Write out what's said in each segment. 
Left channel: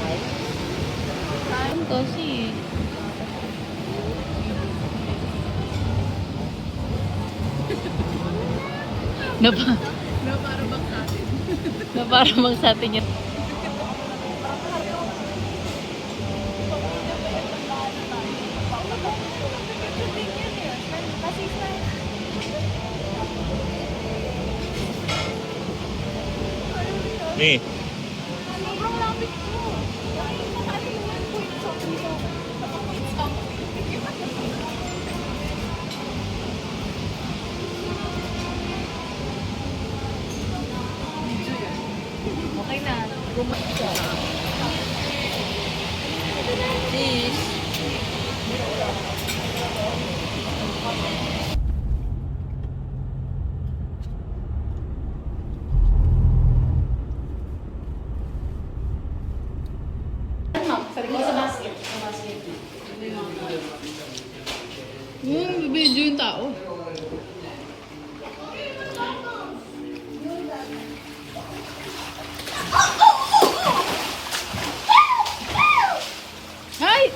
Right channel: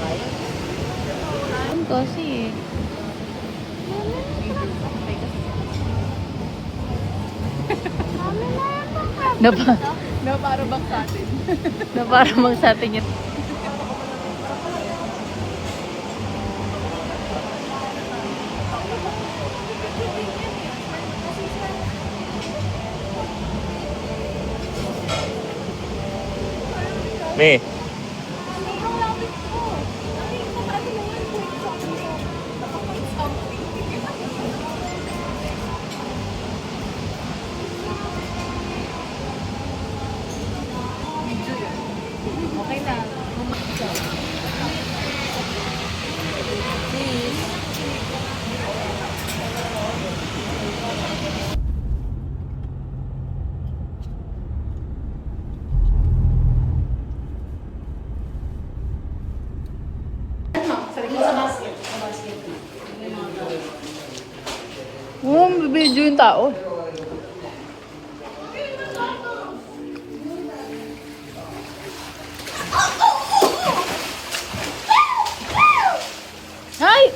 Ang kasi. Naparabang sa atin. Naparabang sa atin yun. Nih. Okay na. Cheese. Bibidyo yung tao. Hi!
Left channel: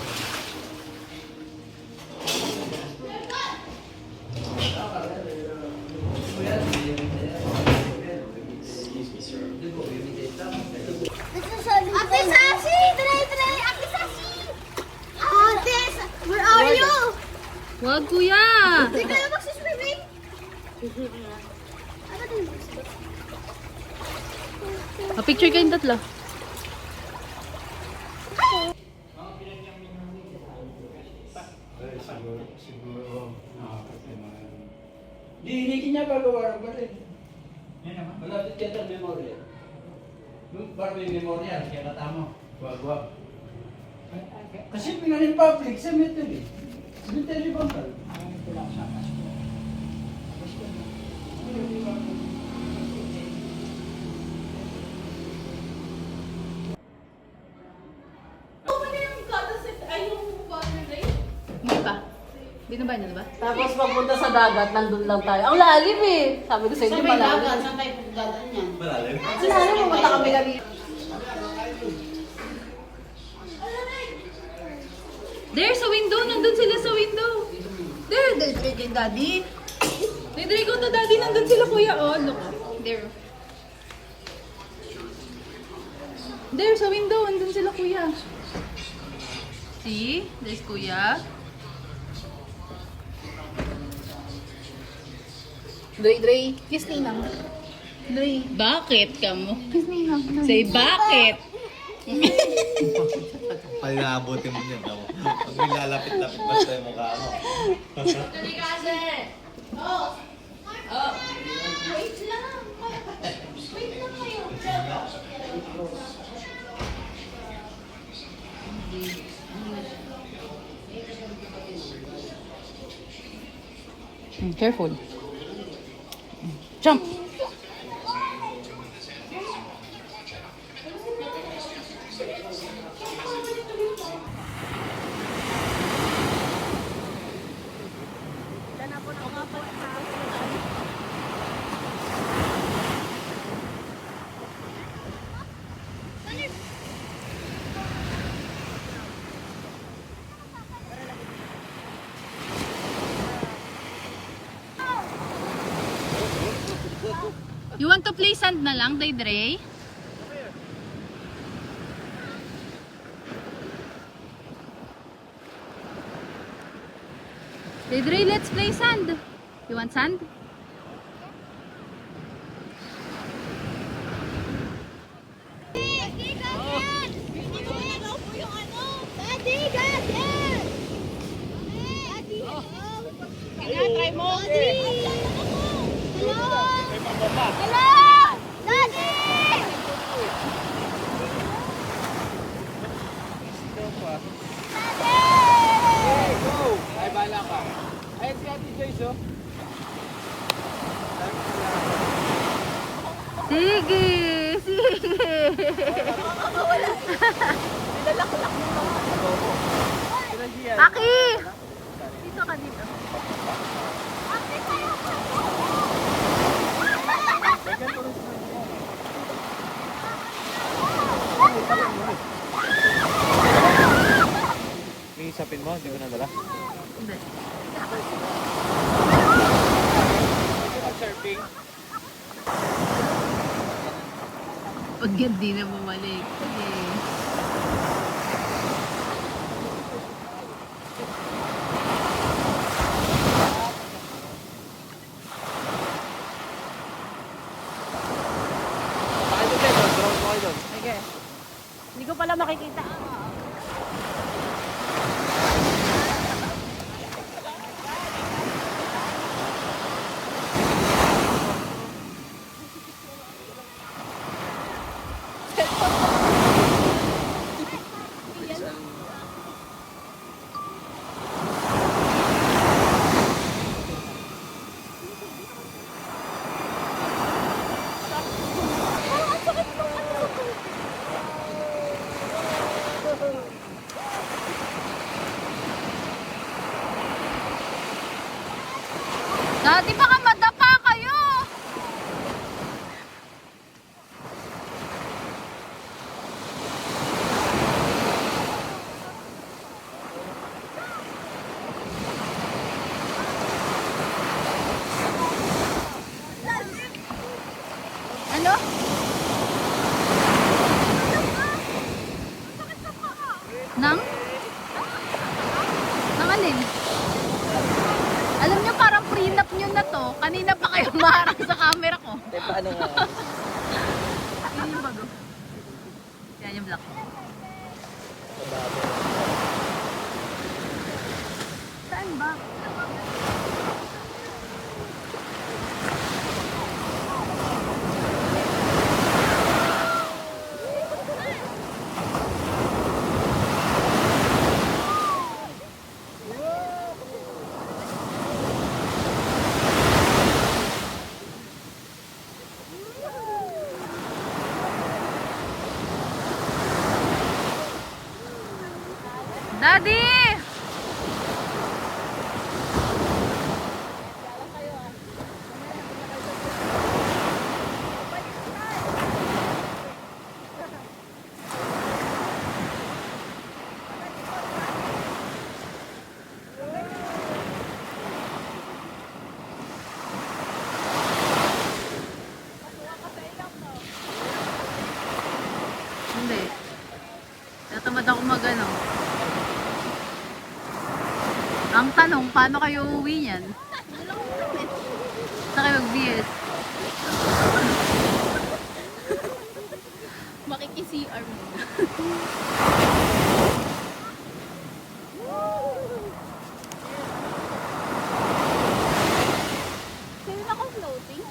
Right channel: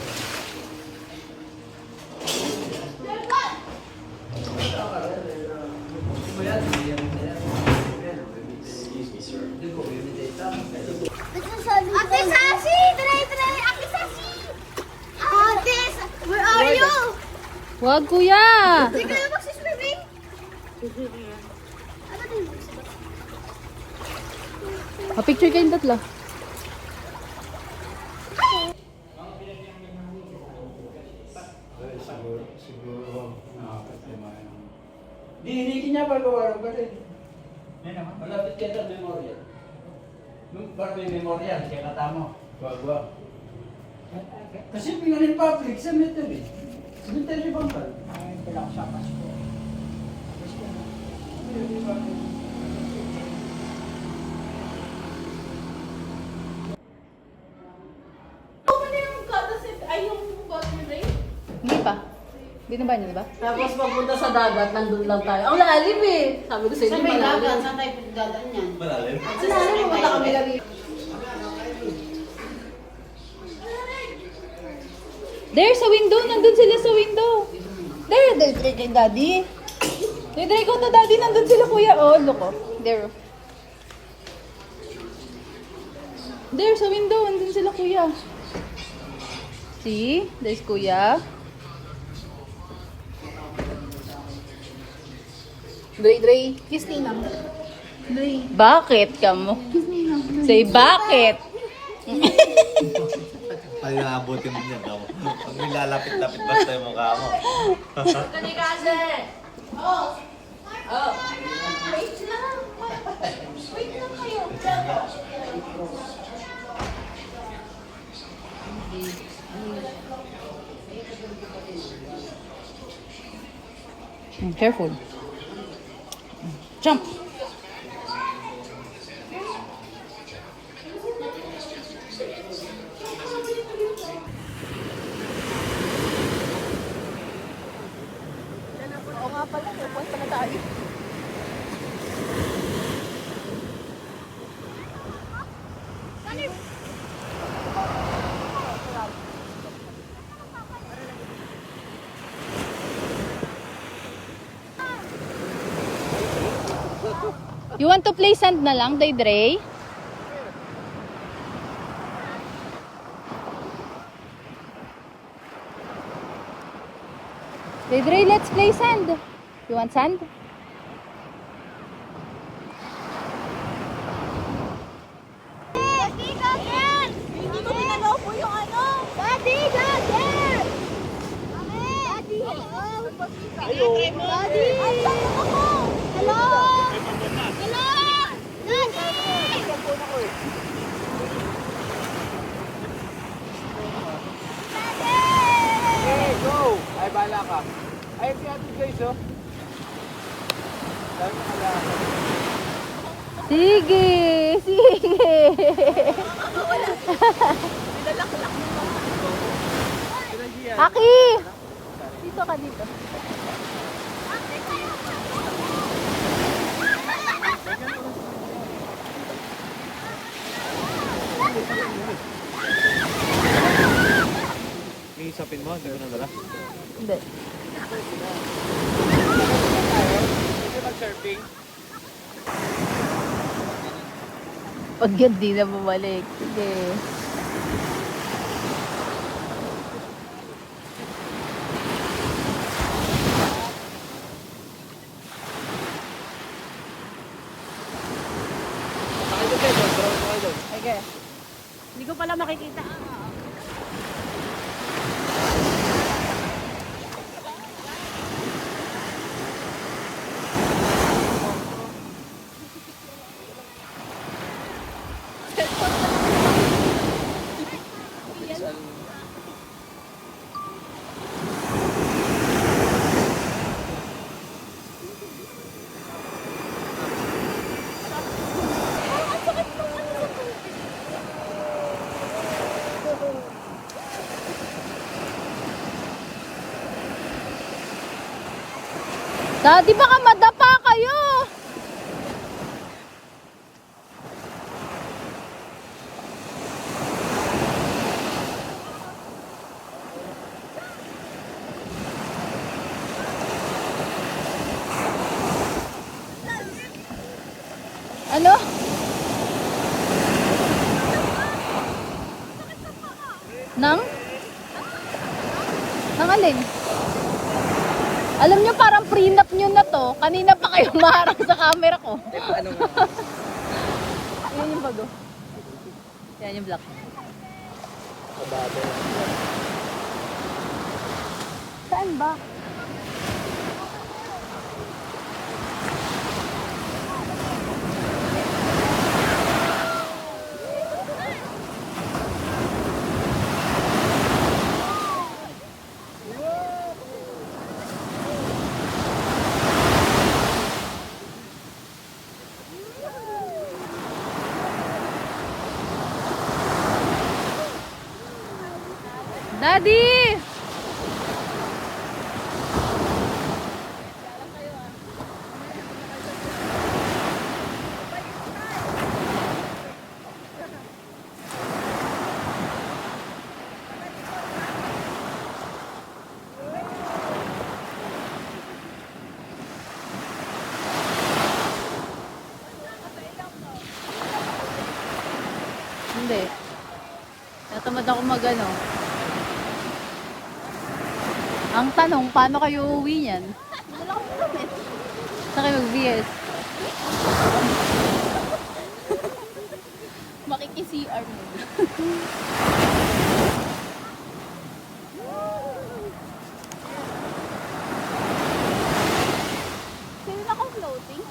Ate Sashi! Try! Ate Sashi! Ate! Where are you? Wag, kuya! Hindi kayo magsiswimming? Picture kayong tatlo. Siguro, problema na. Hindi niya pagawa ba rin? Yan naman. Malapit ka sa memorial. Yung parang may memorial, kaya natamo. Wag. Kasi pingaling public, cemetery. Cemetery bang ka? Ay, pinakasama. Hindi pa. Hindi na ba? Hindi ba? Tapos pagpunta sa dagat, nandun lang tayo. Ang lalim eh. Sabi ko sa inyo, malalim. Saan tayo dadaan yan? Malalim. Sinabi mo, punta kami lang. There, sa window. Nandun sila sa window. There, kay daddy. There, go to daddy. Nandun sila, kuya. Oh, look. Oh. There. There, sa window. Nandun sila, kuya. See? There's kuya. Dre. Kiss Ninang. Dre. Bakit ka mo? Kiss Ninang. Say, bakit? Palabutin mo niyan daw. Pag may lalapit-lapit basta yung mukha mo. Wait lang kayo. Careful. Jump. You want to play sand na lang, Dre? Dre, let's play sand. You want sand? Daddy, ganyan! Hindi ko pinagawa po yung ano. Daddy, ganyan! Daddy, hello! Try mo. Daddy! Hello! Hello! Daddy! Hey, go! Ay, bala ka. Ay, si Ate Joyce, oh. Dami ka lang. Sige! Aki! Dito ka dito. yung sapin mo, hindi mo nadala? Hindi. Mag-surfing? Pag yan, di na bumalik. Sige. Sige. Hindi ko pala makikita. Daddy, baka madapa kayo. Ano? Nang? Nang alin? Alam nyo, parang prenup nyo na to. Kanina pa kayo maharap sa camera ko. Eh, paano nga? Yan yung bago. Yan yung black. Kabado. Saan ba? Daddy! Hindi. Natamad ako magano. Ang tanong, paano kayo uuwi niyan? Saan kayo mag-BS? Makiki-CR mo. Sino na kong floating?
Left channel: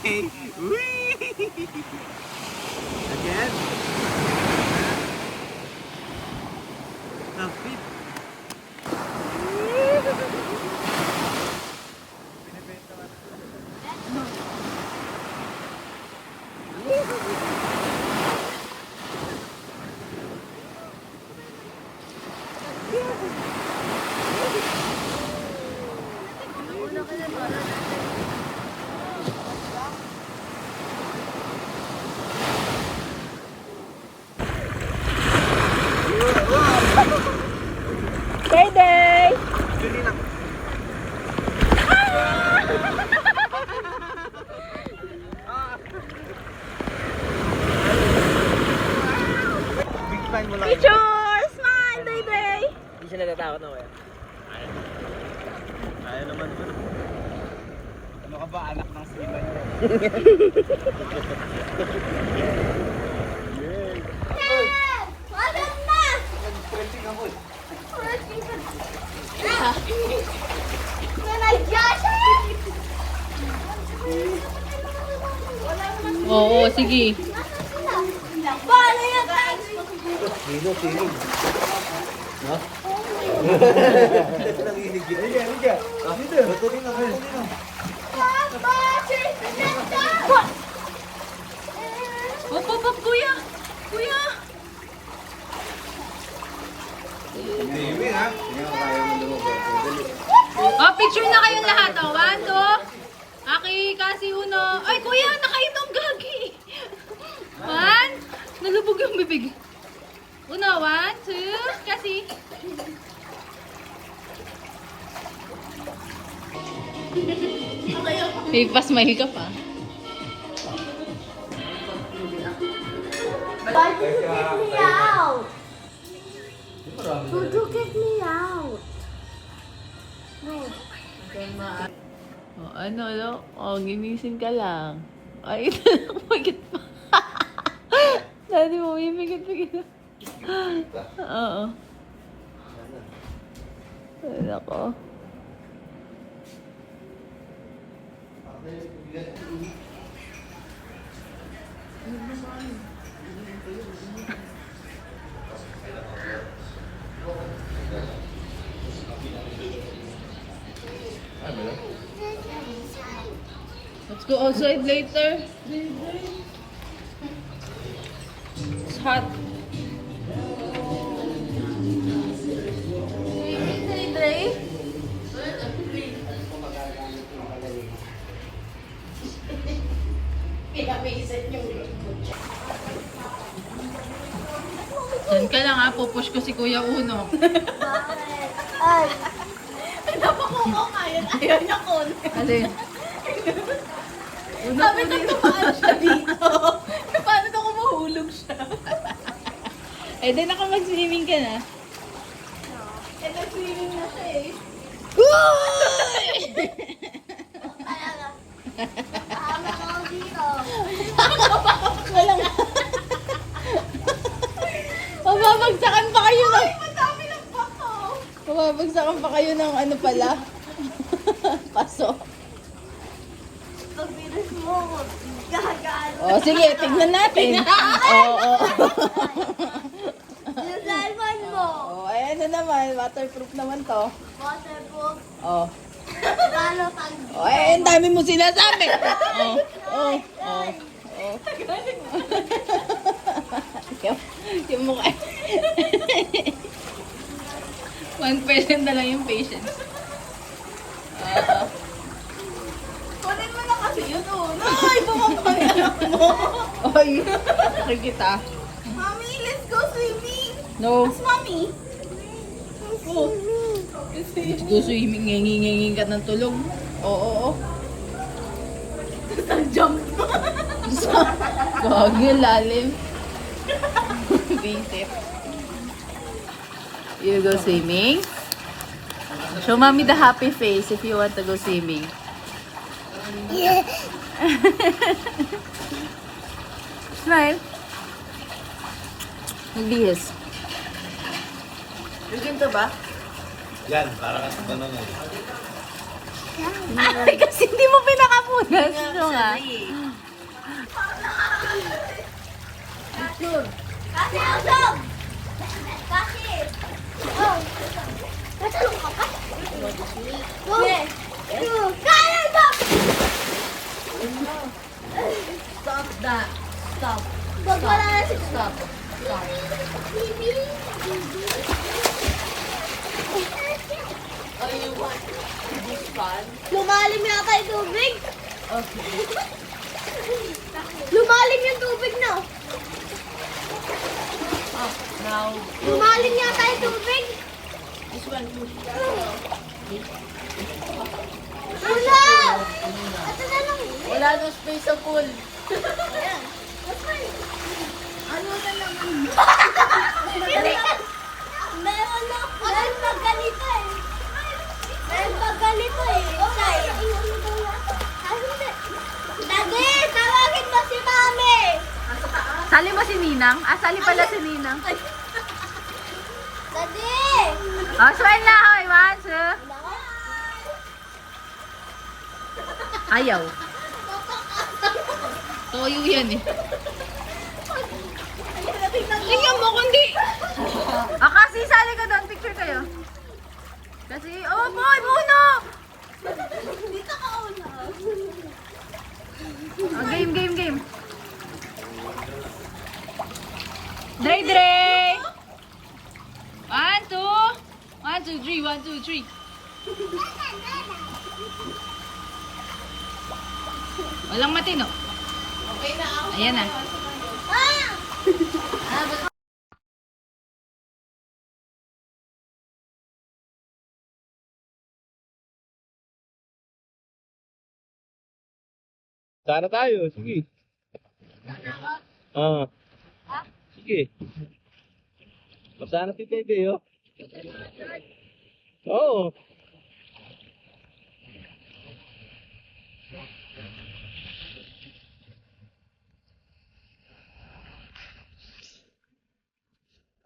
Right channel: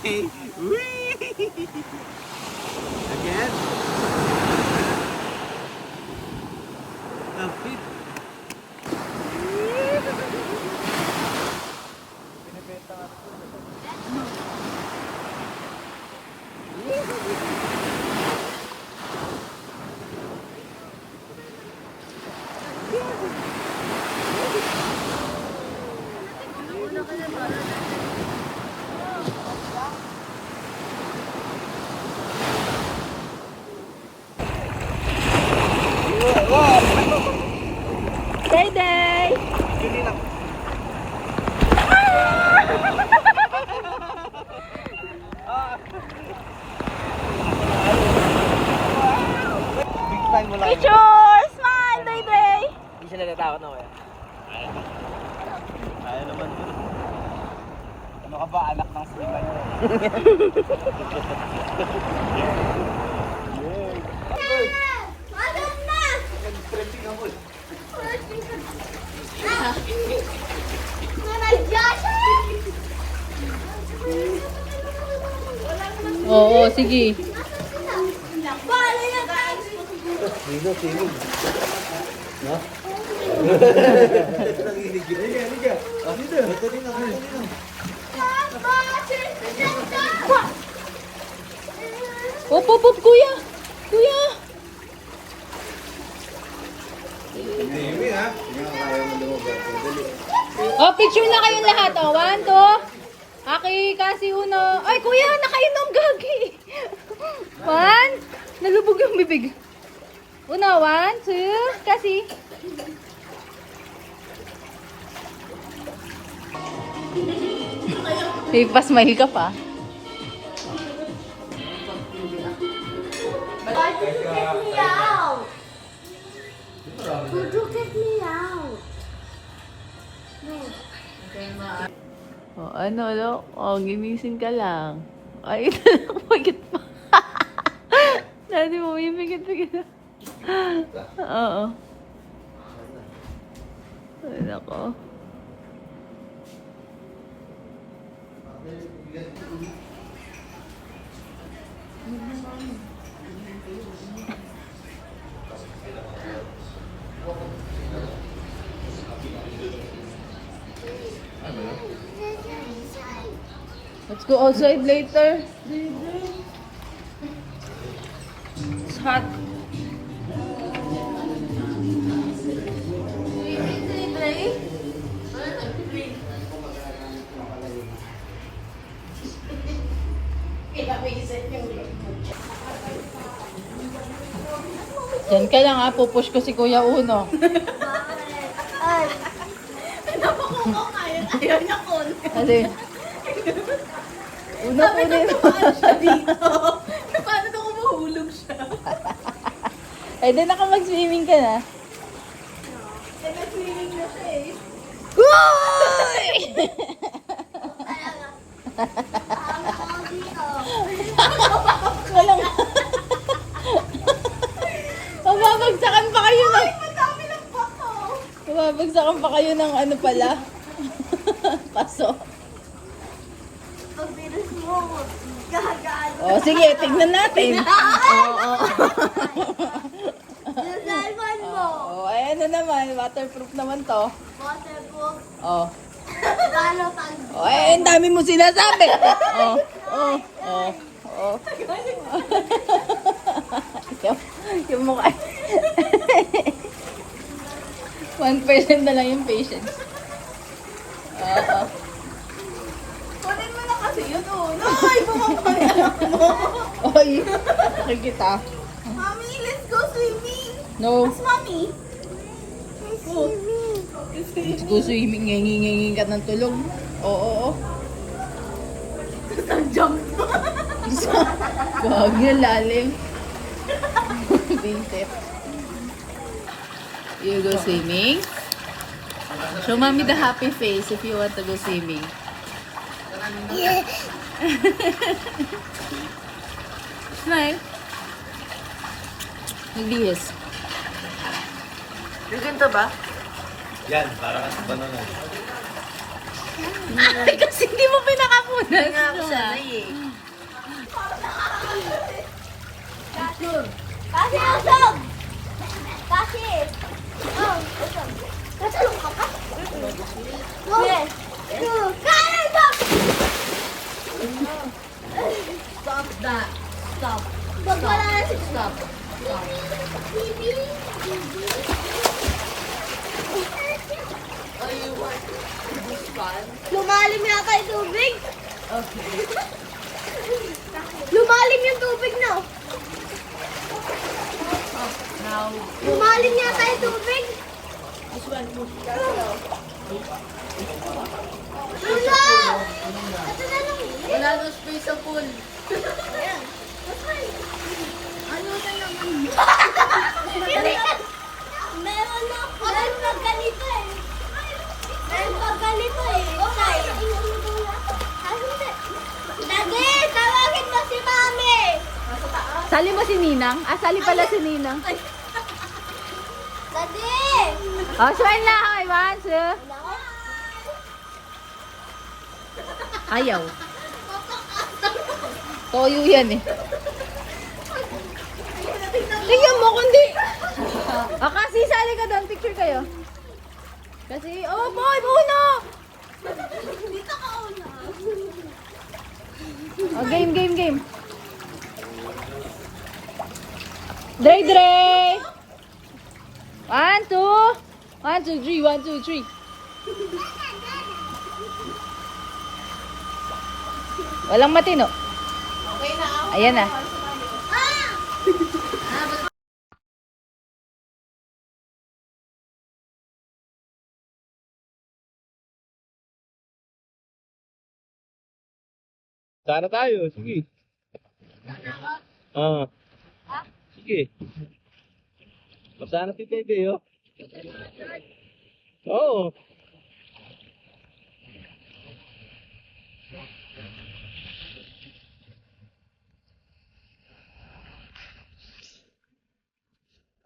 Whee! Again? Kapit. Day! Big fan mo lang. Picture! Smile, Day! Hindi siya natatakot na kaya. Kaya naman ko. Ano ka ba, anak ng siman mo? Madam na! Nag-printing ako eh. Nanadya siya! Oo, sige. Paano yan, Tans? Nanginig yun. Halika. Dito. Ito rin ako. Papa! Sinisenta! Op, kuya! Kuya! Hindi, ha? Hindi ako kaya mo lumabas. Dali. Oh, picture na kayong lahat. Oh, 1, 2. Aki, kasi uno. Ay, kuya, nakainom, gagi. 1. Nalubog yung bibig. Uno, 1, 2. Kasi. Higpas ka pa. But you get me out! Would you get me out? No. Oh, ano? Oh, ginising ka lang. Ay, pagit pa. Dati mo, yung pagit. Oo. Ay, nako. Let's go outside later. It's hot. Yan ka lang ha, pupush ko si Kuya Uno. Ay! Ayaw niya ko. Alin? Uno po rin. Siya dito. Paano na kung mahulog siya? Eh, di naka mag-swimming ka na. Eh, nag-swimming na siya eh. Uy! Tama ako dito. Walang... Mababagsakan pa kayo ng... Madami ng bato. Mababagsakan pa kayo ng ano pala. Paso. Pag bilis mo, gagaan. O, sige, tignan natin. Oo. Yung cellphone mo. Oh, ay ano naman, waterproof naman to. Waterproof. Oh. Paano pag... Oh, ay, ang dami mo sinasabi. Oh. yung mukha. 1% na lang yung patience. Kunin mo na kasi yun, Ay, bumabagay mo. Oy, sakit kita. Mommy, let's go swimming. No. Mommy. Go. Let's go swimming. Ngenging ka ng tulog. Oo. Jump. Gagi, lalim. Basic. You go swimming? Show mommy the happy face if you want to go swimming. Smile. Bilis. Bigyan to ba? Yan, parang sa banana. Ay, kasi hindi mo pinakapunas. No, nga. Kasi usog! Kasi! Oh! Nasalong ka pa? Yes! Kaya ito! Stop that. Stop. Wag wala na si... Stop. Bibi! Lumalim yata yung tubig. Lumalim yung tubig, no? Now, Lumalim yata yung tubig. this one. Wala! Ito na lang. Wala na space sa pool. Ayan. Ano na naman? Meron na. Meron pag ganito eh. Meron pag ganito eh. Okay. Dagi, tawagin mo si Mami. Sali mo si Ninang? Ah, sali pala si Ninang. Dagi. Oh, swell na. Hoy, one, two. Ayaw. Toyo yan eh. Tingnan mo kundi. Ah, kasi sali ka doon. Picture kayo. Kasi, oh boy, Bruno! Dito ka una. Oh, game. Dre! 1, 2. 1, 2, 3. 1, 2, 3. Walang matino. Ayan na. Sana tayo, sige. Sige. Masana si Tete, oh. Oo.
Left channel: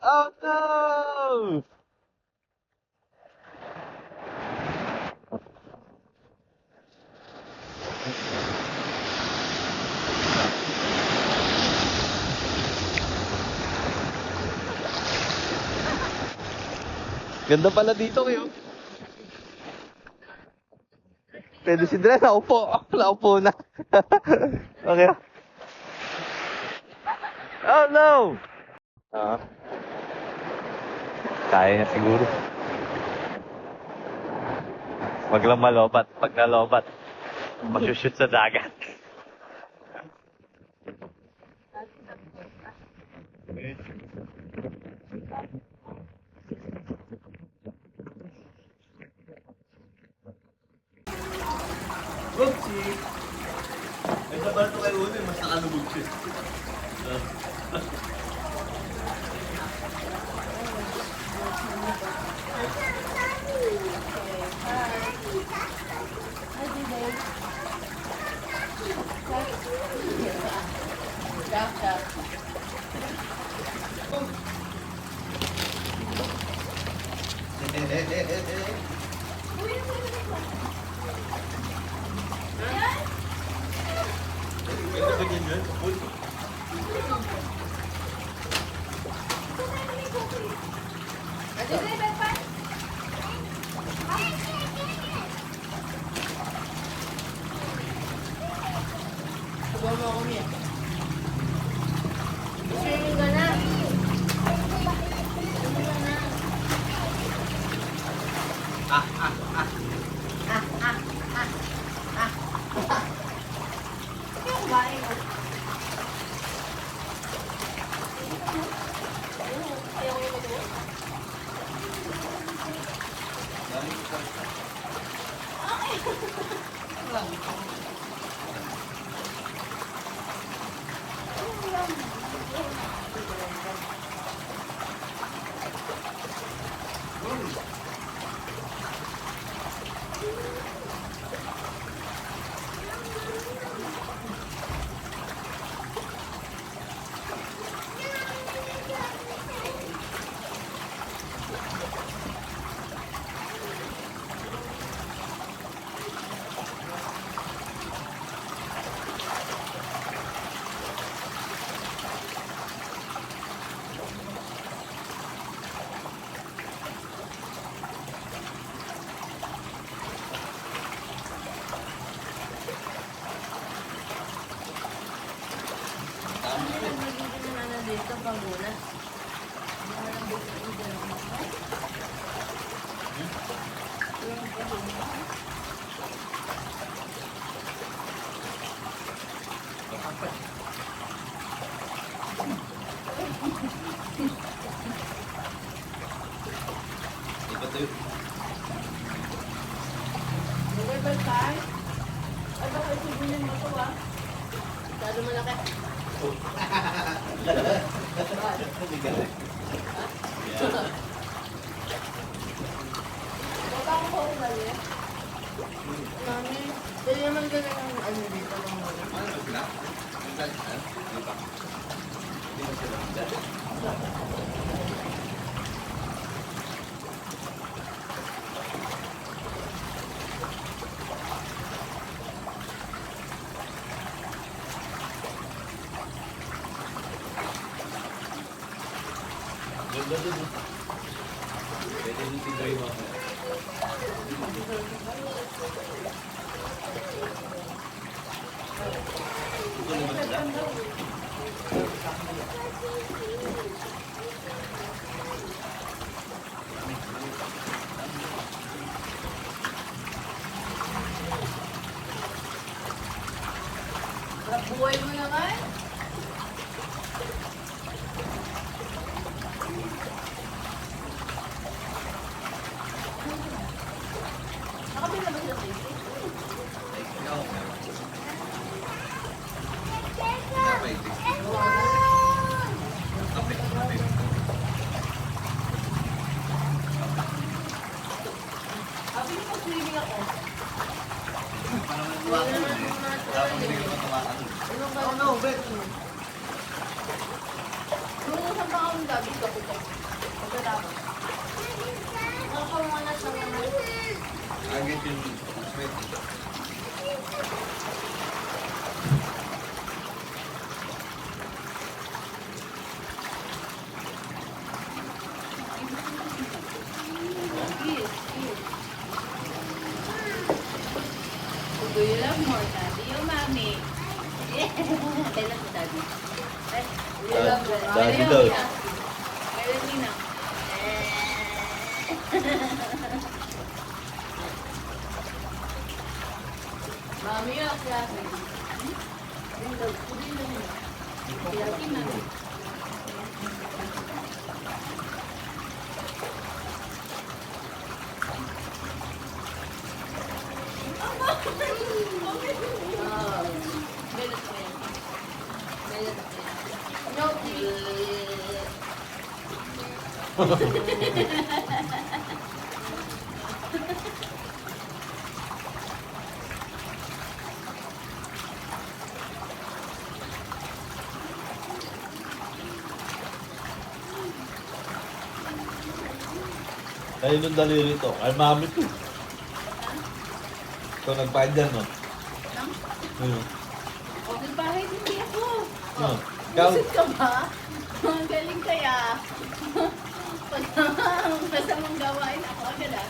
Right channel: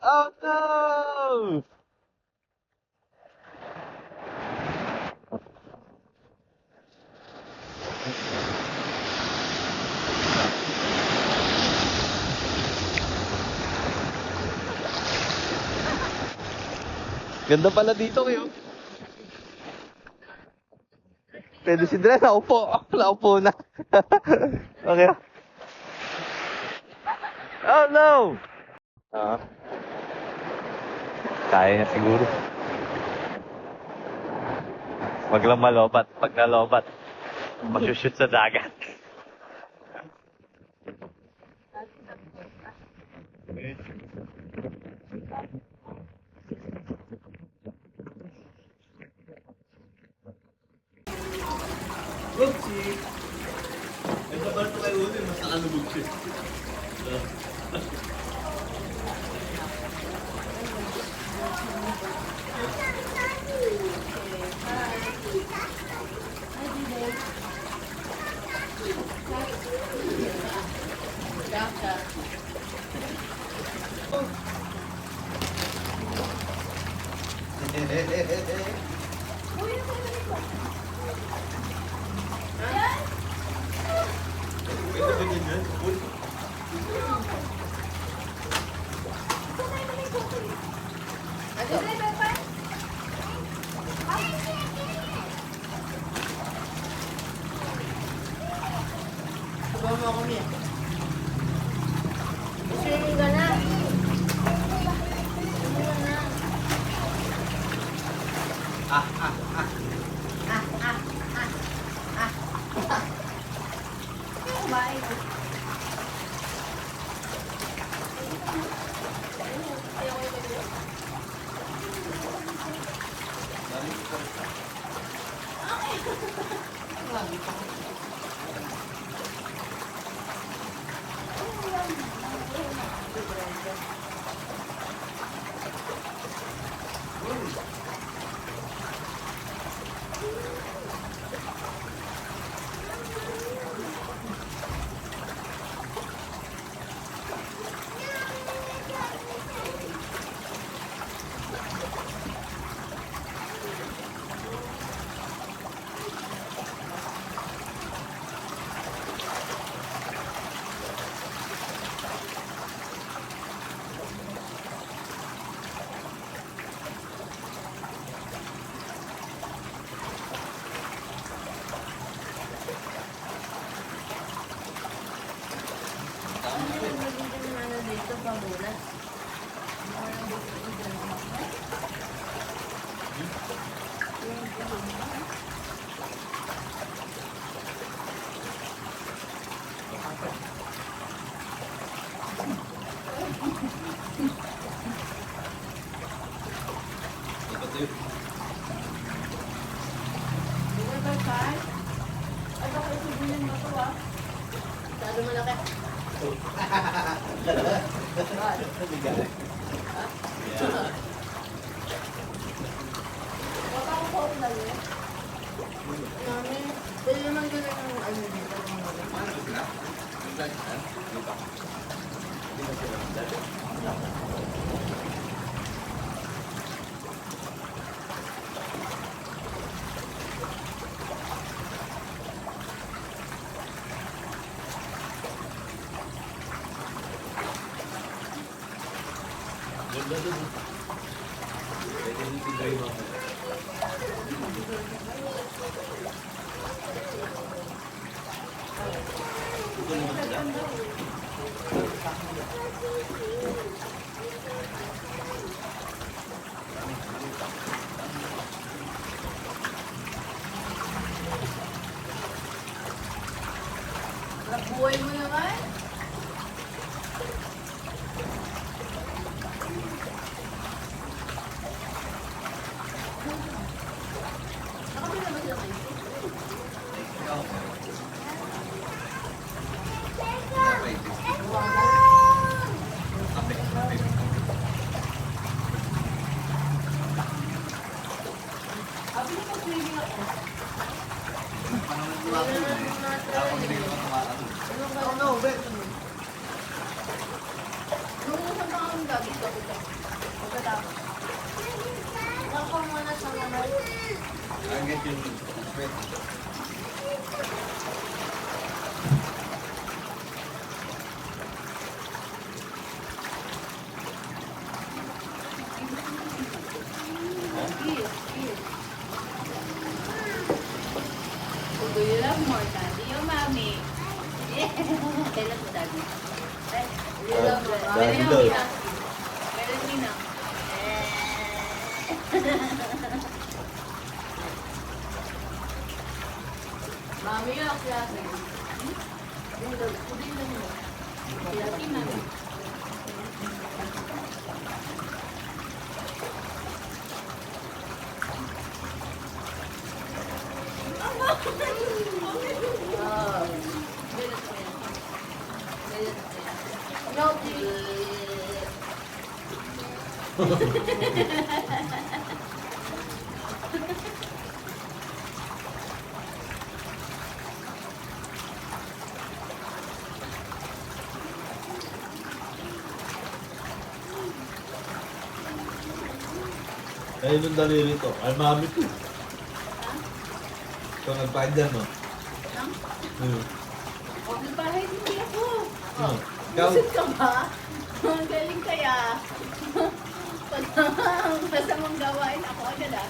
Oh no! Ganda pala dito kayo. Pwede si Dre, naupo. Naupo na. Okay. Oh no! Kaya na siguro. Wag lang malobat. Pag nalobat, masushoot sa dagat. Oopsie! Ay, naman ito kayo ulit. Mas nakalubog siya. Subuhan mo ako niya. Swimming ka na. Swimming ka na. Yeah. Mami, pwede naman ka na ng ano dito. Ganda dun. Pwede din si Dre mo. Ito naman sila. Buhay mo naman. Nakapila ba siya sa'yo? Sabi niya pag swimming ako. Tapos hindi naman tumatakot. No, bet. Nung isang taon gabi ka po ka. Pagkatapos. Nakakamana sa mga. Agad yung sweat. Do you love more daddy or mommy? I love daddy. You love that. Dahil daw. Meron din na. Mami yung klase. Yung daw, pudin lang mo. Lagi mami. Ah. No, please. Kayo nung daliri to. Ay, mami to. Ito, nagpain dyan, no? Ayun. Okay, bahay hindi ako. No. Ikaw, Busog ka ba? Ang galing kaya. Basta mong gawain ako agad ah.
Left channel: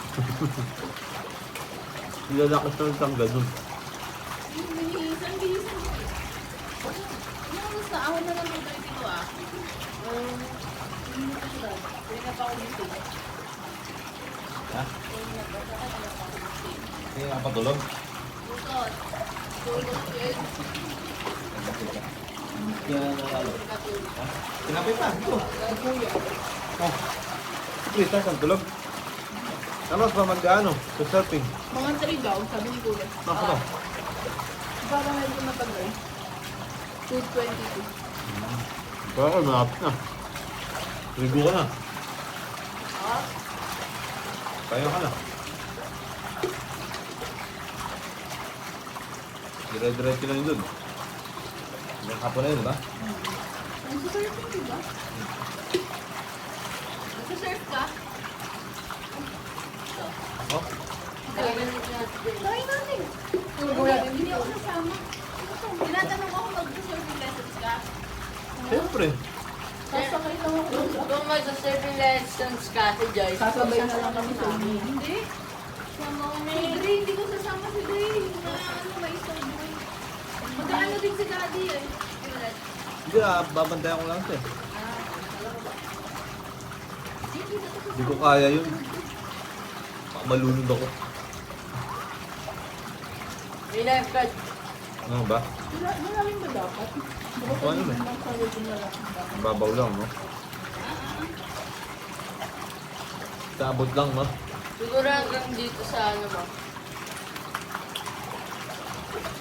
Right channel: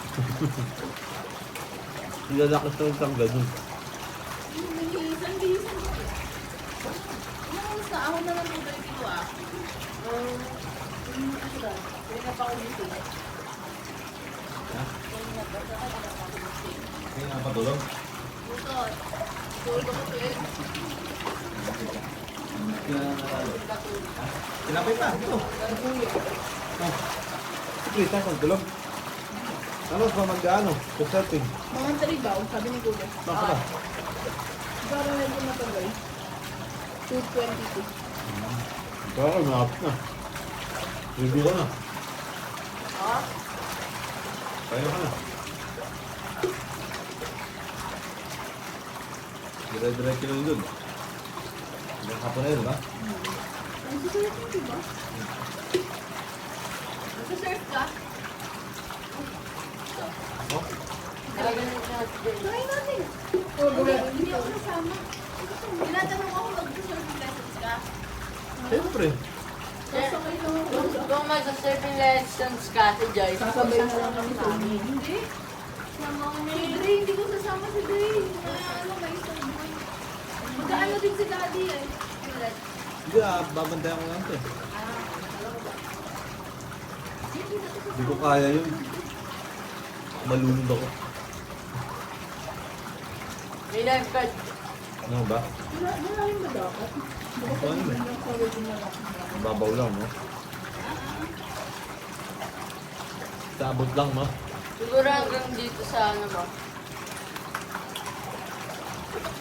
kilala ko sa isang ganun. Bisan. Sa ako na lang ito dito ah. Hindi na pa ako dito. Ha? Hindi na pa ako dito. Kaya nga patulog? Bukod. Tulog ko yun. Kinapit na. Please, saan kang tulog? Tapos pa mag-ano? Sa surfing. Mga 3 daw, sabi ni Kuya. Baka ba? Para medyo matagal. 222. Baka ka, malapit na. Ligo ka na. Ah? Tayo ka na. Dire-diretso lang yun. Hanggang hapon na yun, ha? Nagsisurfing ka ba? Nagsisurf ka? Oh? Try natin. Hindi ako nasama. Tinatanong ako mag-surfing lessons ka. Siyempre. Sasakay lang ako. Kung magsa-surfing lessons ka si Joyce, Sasabay na lang kami sa amin. Hindi. Sama ko si Dre. Hindi ko sasama si Dre. Ano, may isang Dre. Mag-ano din si Daddy eh. Hindi, babantayan ko lang ito. Hindi ko kaya yun. Malunod ako. may lifeguard. Ano ba? Malalim ba dapat? Ito ano eh. Babaw lang, no? Sabot lang, no? Siguro hanggang dito sa ano ba?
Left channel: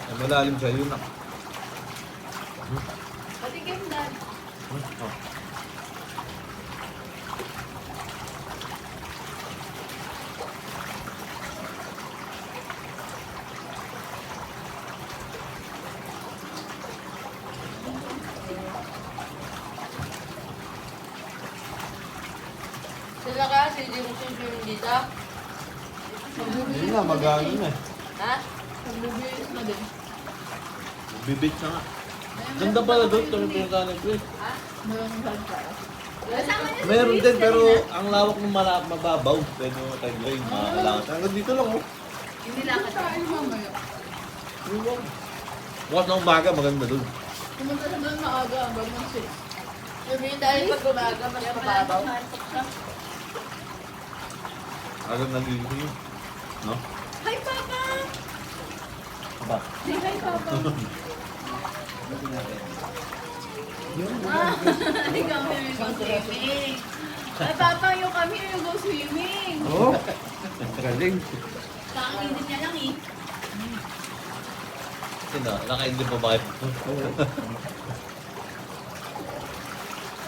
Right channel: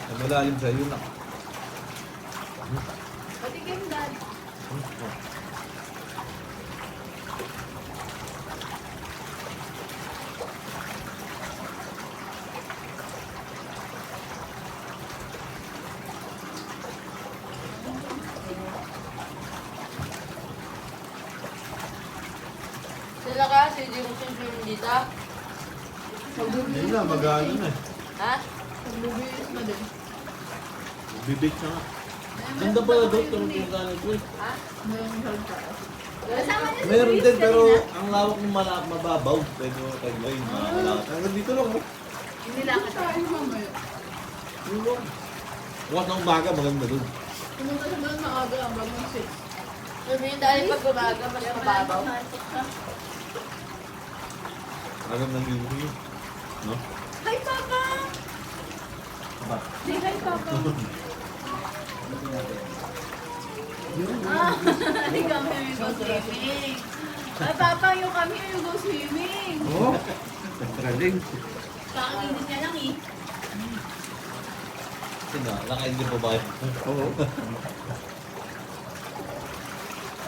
Ay, malalim siya yun, ah. Patikim, Dad. Oh. Nila kasi, hindi mo swimming dito. Hindi na, mag-ano na eh. Ha? Magbibihis na din. Bibit na nga. Ganda pala doon, tulong ka ng Chris. Maraming salsa. Kasama niya si Meron Chris din, pero kanina. ang lawak ng mababaw. Pwede mo kay Gray, makakalangan. Hanggang dito lang, oh. Hindi lang kasi. Kain mamaya. Yun lang. Bukas na umaga, maganda doon. Pumunta naman na maaga hanggang ng 6. Sabihin dahil pag umaga, mas mababaw. Agad nang libre yun. No? Hi, Papa! Ba? Say hi, Papa. Ay, come here, you go swimming. Ay, Papa, you come here, you go swimming. Oo. Galing. Kakainit niya lang eh. Sino? Naka-enjoy pa ba kayo? Oo.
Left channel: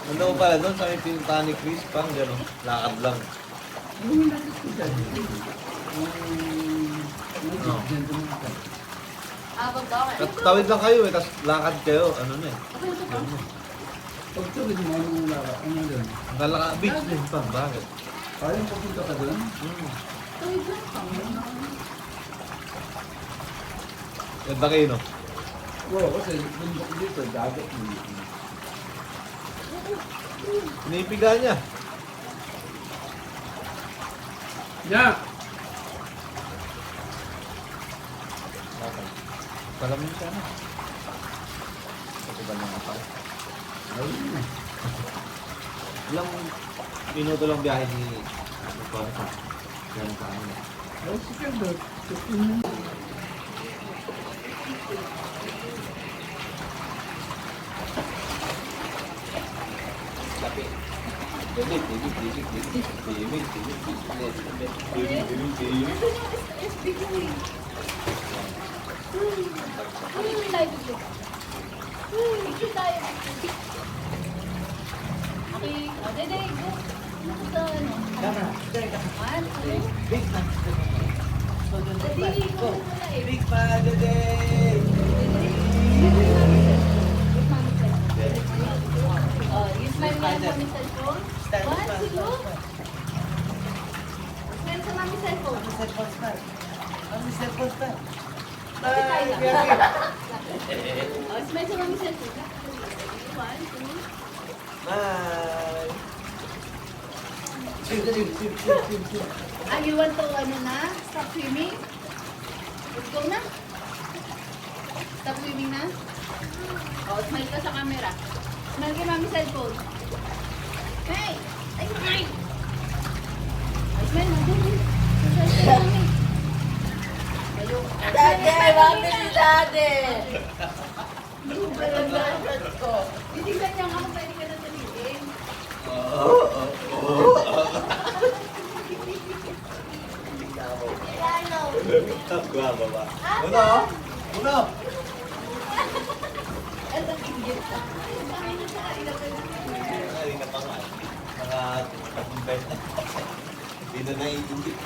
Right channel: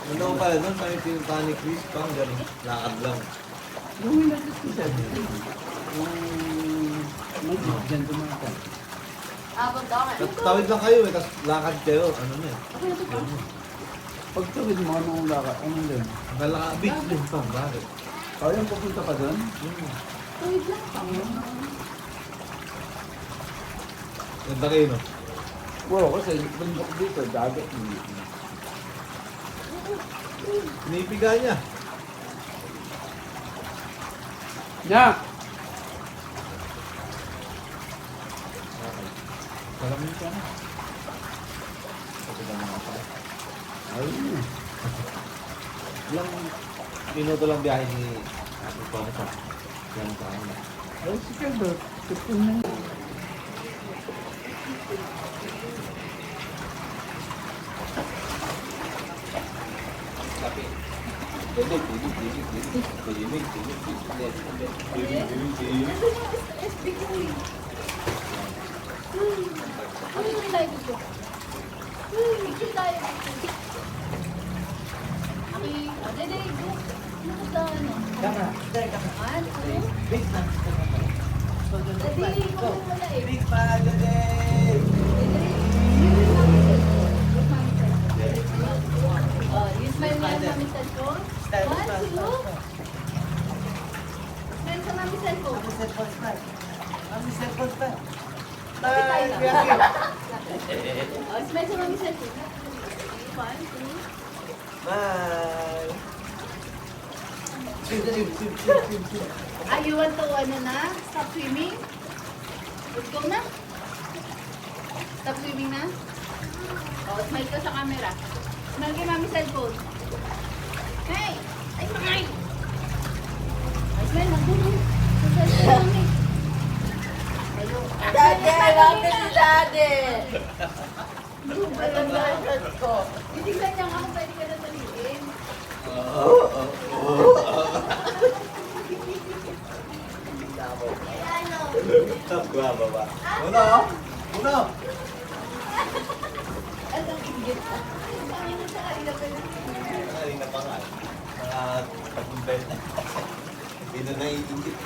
Ano ko pala doon, sa pinuntahan ni Chris, parang gano'n. Lakad lang. Yung nasa siya. Diyan tumata. Abang daw eh. Tawid lang kayo eh, tapos lakad kayo. Ano na eh. Pag tuwid mo, anong laka? Ano doon? Nalaka, beach din pa. Bakit? Kayang pupunta ka doon? Ganda kayo, no? Oo, kasi bundok dito, dagat. Pinipiga niya. Ya! Salamin ka na. Pati ka mga pa. Ayun. Ilang minuto lang biyahe ni Tong sa ilang saan. Ay, sige ba? Tutun mo. Ano yung live ko? Picture tayo. Okay, dede, go. Ano sa ano? Tama. One, two. Big na. Dede, go muna eh. Big pa, Dede! Oh, you smile mo yung mami cellphone. One, two. Smile sa mami cellphone. Kapit tayo lang. Oh, smile sa mami cellphone. One, two. Bye! Ah, you want to ano na? Stop swimming? Let's go na. Stop swimming na? Oh, smile ka sa camera. Smile kay mami cellphone. Hey! Ay, smile! Ay, smile na. Sa cellphone mami. Hello. Dade, mami si Dade. Alam ba? Titignan niya nga kung pwede ka na salitin. Tapwa ba ba? Uno! Uno! At ang inggit ka. Ay, nasa ilapay na. Kanina pa nga. Naka-tapumbet. Hindi na naiingit.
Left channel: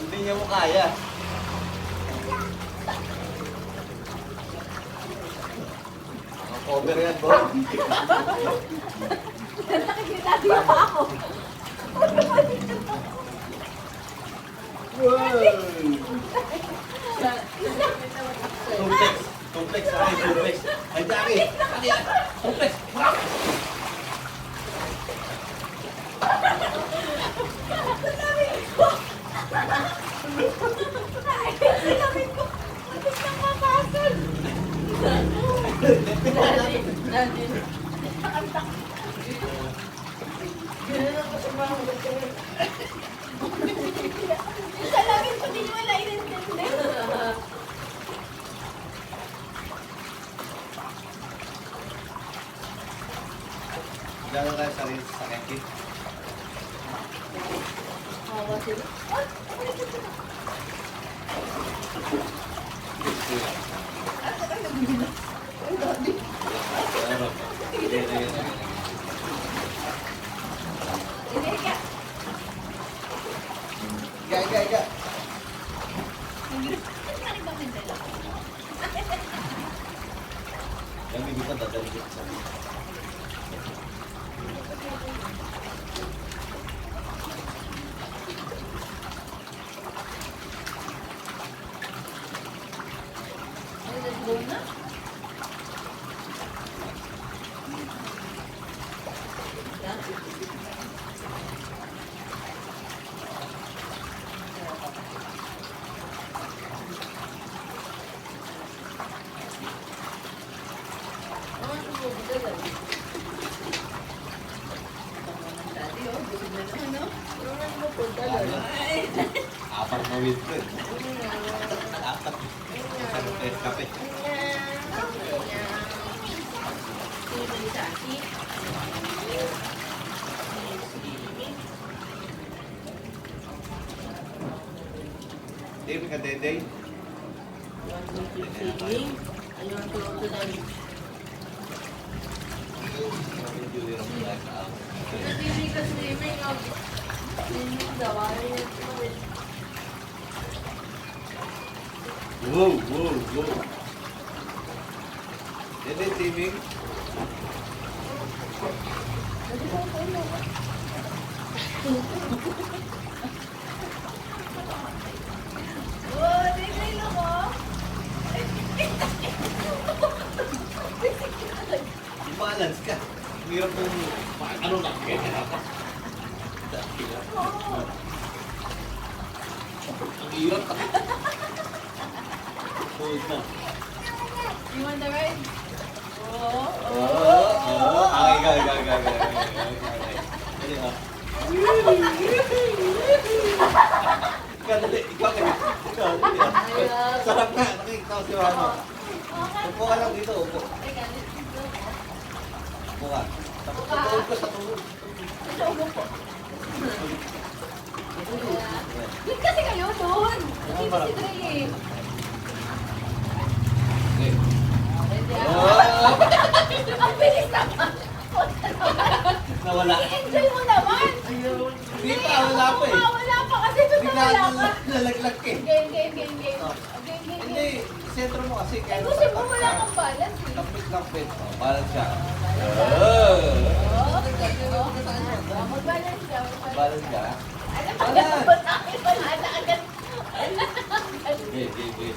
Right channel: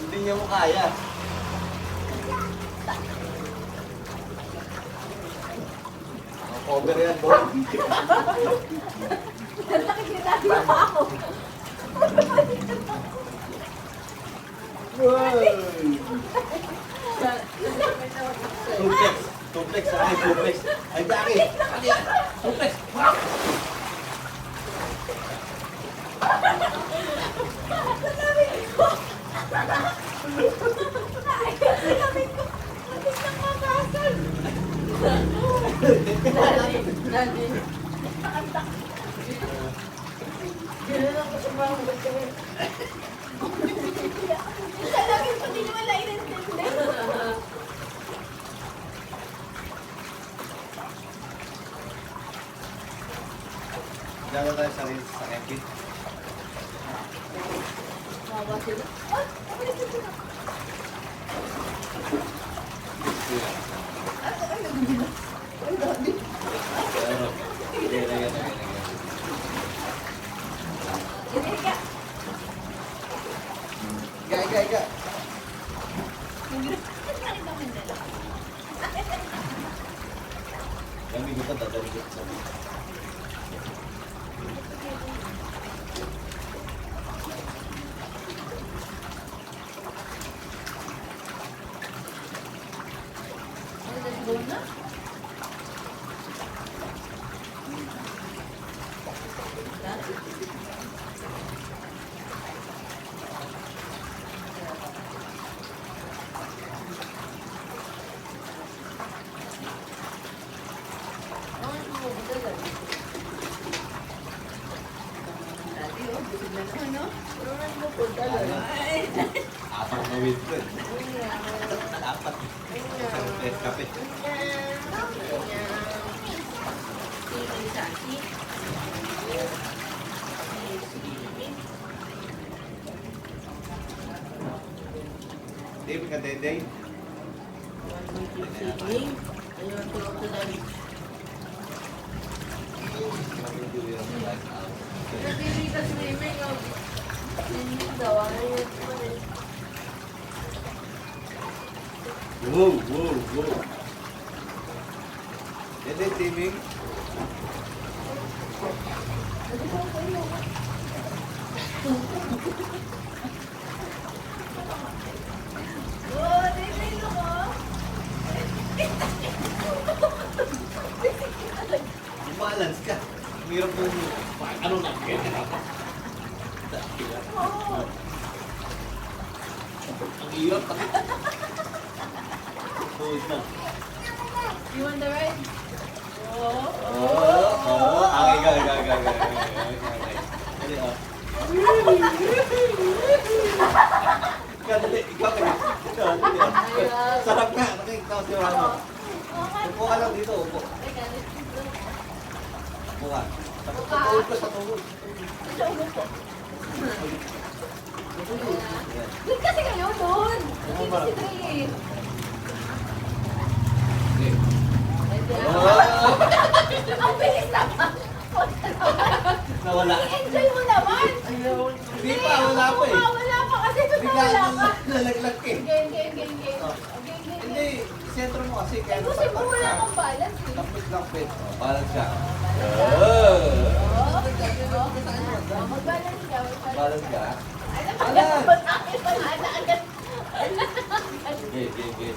Hindi niya mo kaya. Cover yan, boy. Nakikita din pa ako. Complex. Complex. Ay, complex. Ay, Jackie. Complex. Isa lang yung pati yung wala inintindi. Gano'n tayo sa rin sa kekit. Kawawa sila. Ay, ako na sila. Ako ay nabugila. Ay, dati. Ano? Yan. Ika. Iga. Hindi lang. Yung bibig ko dadalhin sa Ay, let's go na. Daddy, oh, busog na naman, no? apat na wheat bread. Apat. Isang pet kape. Dave ka, Dede. Wow, wow, wow. Dede, Timing. Oh, Daddy, look, oh. Balance ka. Hirap mo. Ano na? Ganyan ako. Ang hirap. Hold na. You want the ride? Oh, Oo. Okay, okay. Dali, ah. Ikaw, dali. Ikaw, dali. Ikaw, dali, ah. Sarap nga. Nakikita ko si Rano. Upo ka lang dito, upo. Upo ka. Sa tuhod ko, sa tuhod. Wait kasi kayo doon. Hindi ba si Dre eh? Okay. Ah, ang bilis naman. Nawala. I-enjoy mo naman. Hindi pa, wala pa eh. Wala pa kasi doon Bigla wala ka. nalaglag eh. Game. Oh. Game. Hindi, sentro mo kasi. Eh, kasi mo wala kang balance eh. Kapit. Oh, balance ka. Mag-balance ka. Balance ka. Alam mo, dapat akin wala na agad. Okay.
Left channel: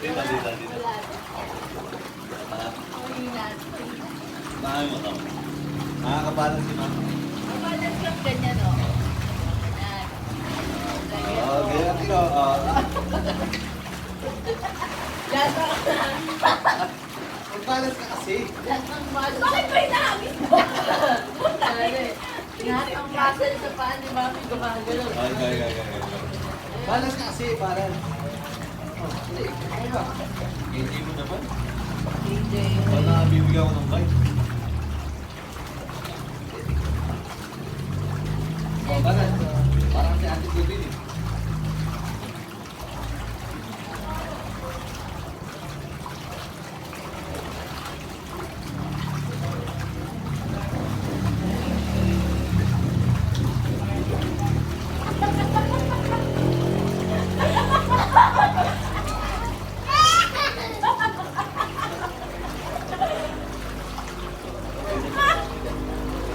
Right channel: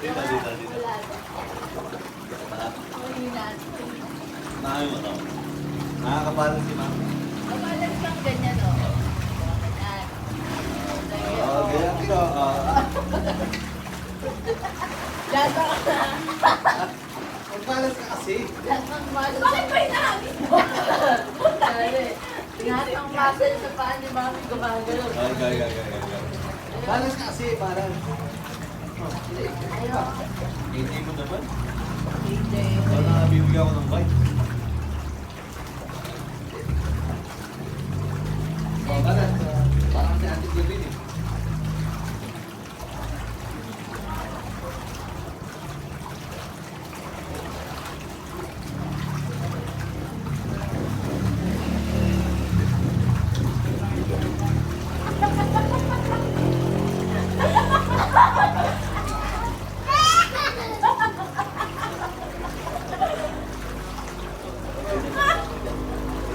Dito. Mahal mo to. Nakakabalance si ma'am. Mag-balance lang ganyan o. Ganyan. Oh, ganyan ito. Lasa ka na. Mag-balance ka kasi. Bakit ba inaangin mo? Lahat ng muscle sa paa ni Mami gumagano. Okay. Balance ka kasi, balance. Oh, hindi. Hindi mo naman. Wala nakabibigyan ko ng bike. Oh, balance. Parang si Ate Divin eh.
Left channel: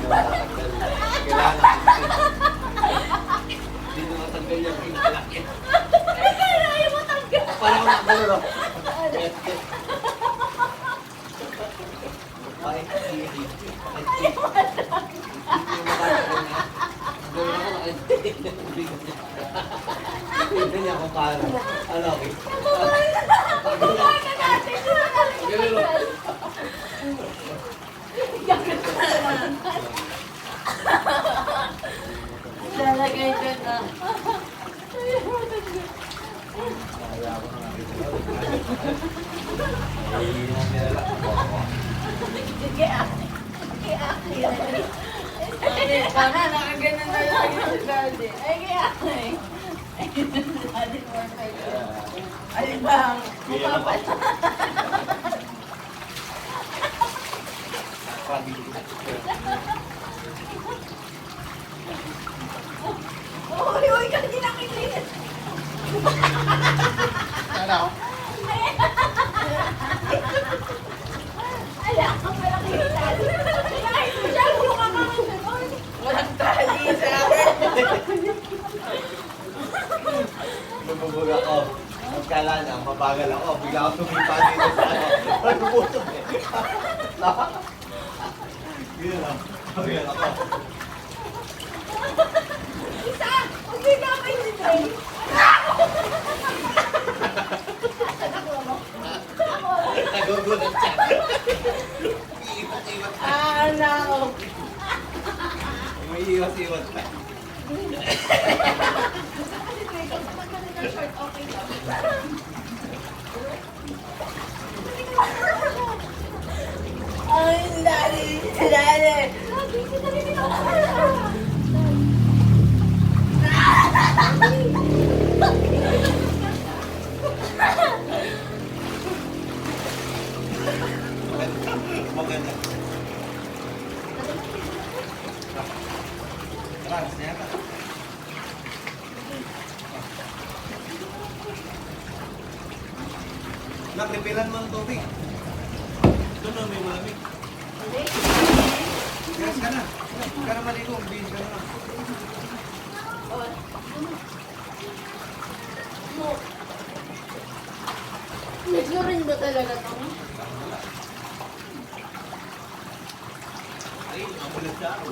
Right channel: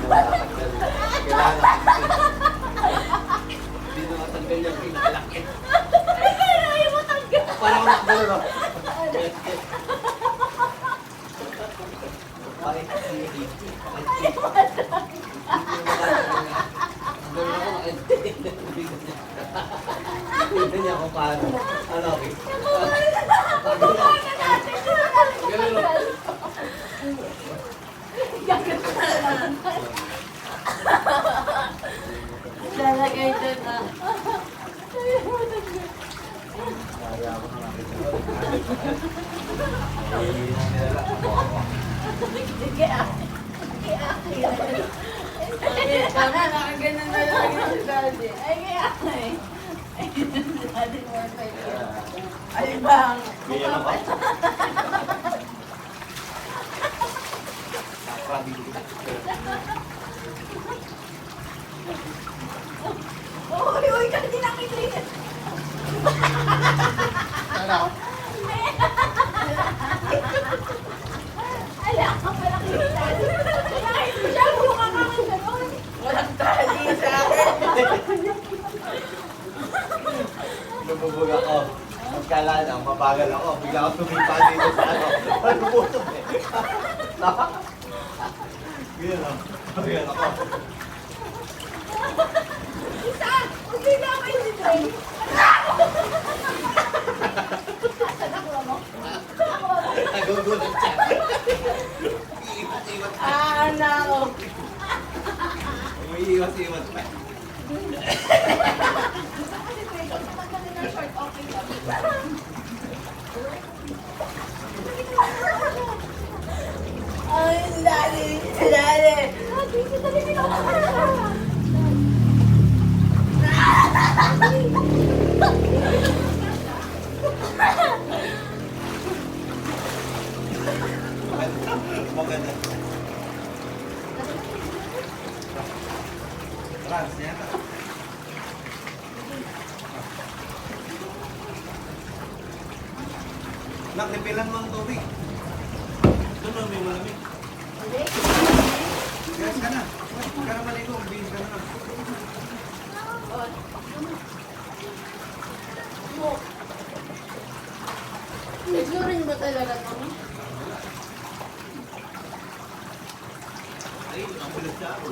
Kailangan. Hindi na matanggal yung pinalaki. Ayaw mo tanggal. Parang nakagano no? Hindi niya kung paano. Ano, okay? Ganun, no? Lalagay dyan na. Kaya ako na natin. Ay, yung nilala. Kaya nakaganan na lang yung daddy. Ay, kaya eh. Ay, daddy more time. Ay, bang. Kaya Mukha pa. ako. akala na, mabagal ako. Bigla ako tumipa dito sa ano. Ano po ito eh? Ganyan lang. Ganyan ako. Isa! Huwag din ako si Dre. Nagugulat siya. Iiwas-iwas pa. nako. Umiiwas-iwas pa. Kasi Dre, kung tumaganda ng short, okay lang. Ay, dali. Dali. Maganda. Trans, yata. Nak, repilan mo ang tubig. Ito na, may malamig. Gas ka na. Huwag ka na maligo. Bihis ka na lang. Nagsurin ba talaga ito? Ay, ang bulat siya ako.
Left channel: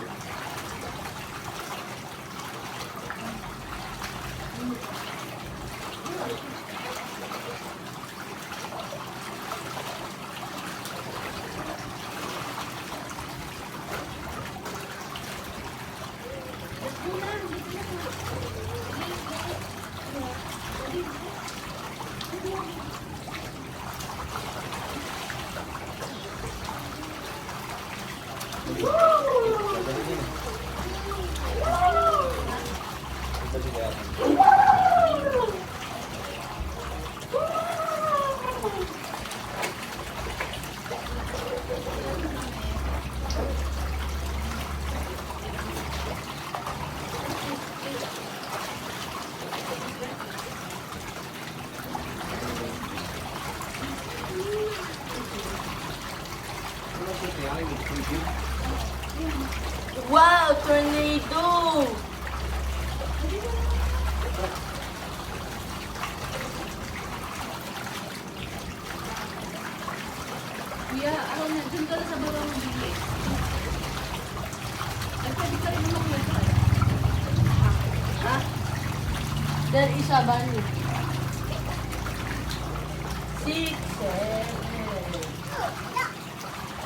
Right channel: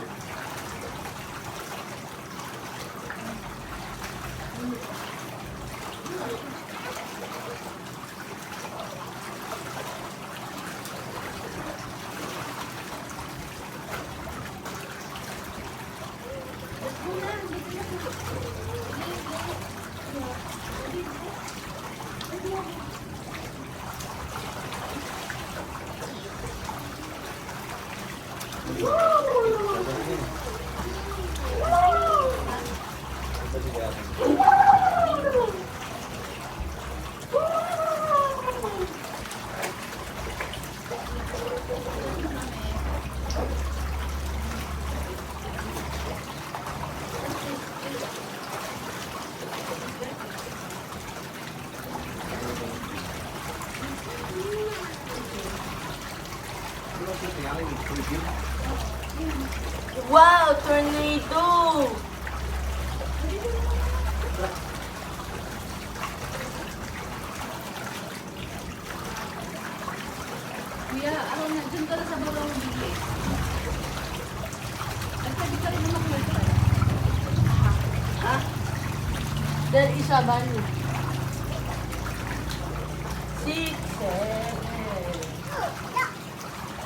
Wow, tornado! Kuya, araw na, dyan ka na sa baraw ng bili. Nagsabi ka rin naman kuya ka. Ha? Dahil isa ba niyo? 6, 7.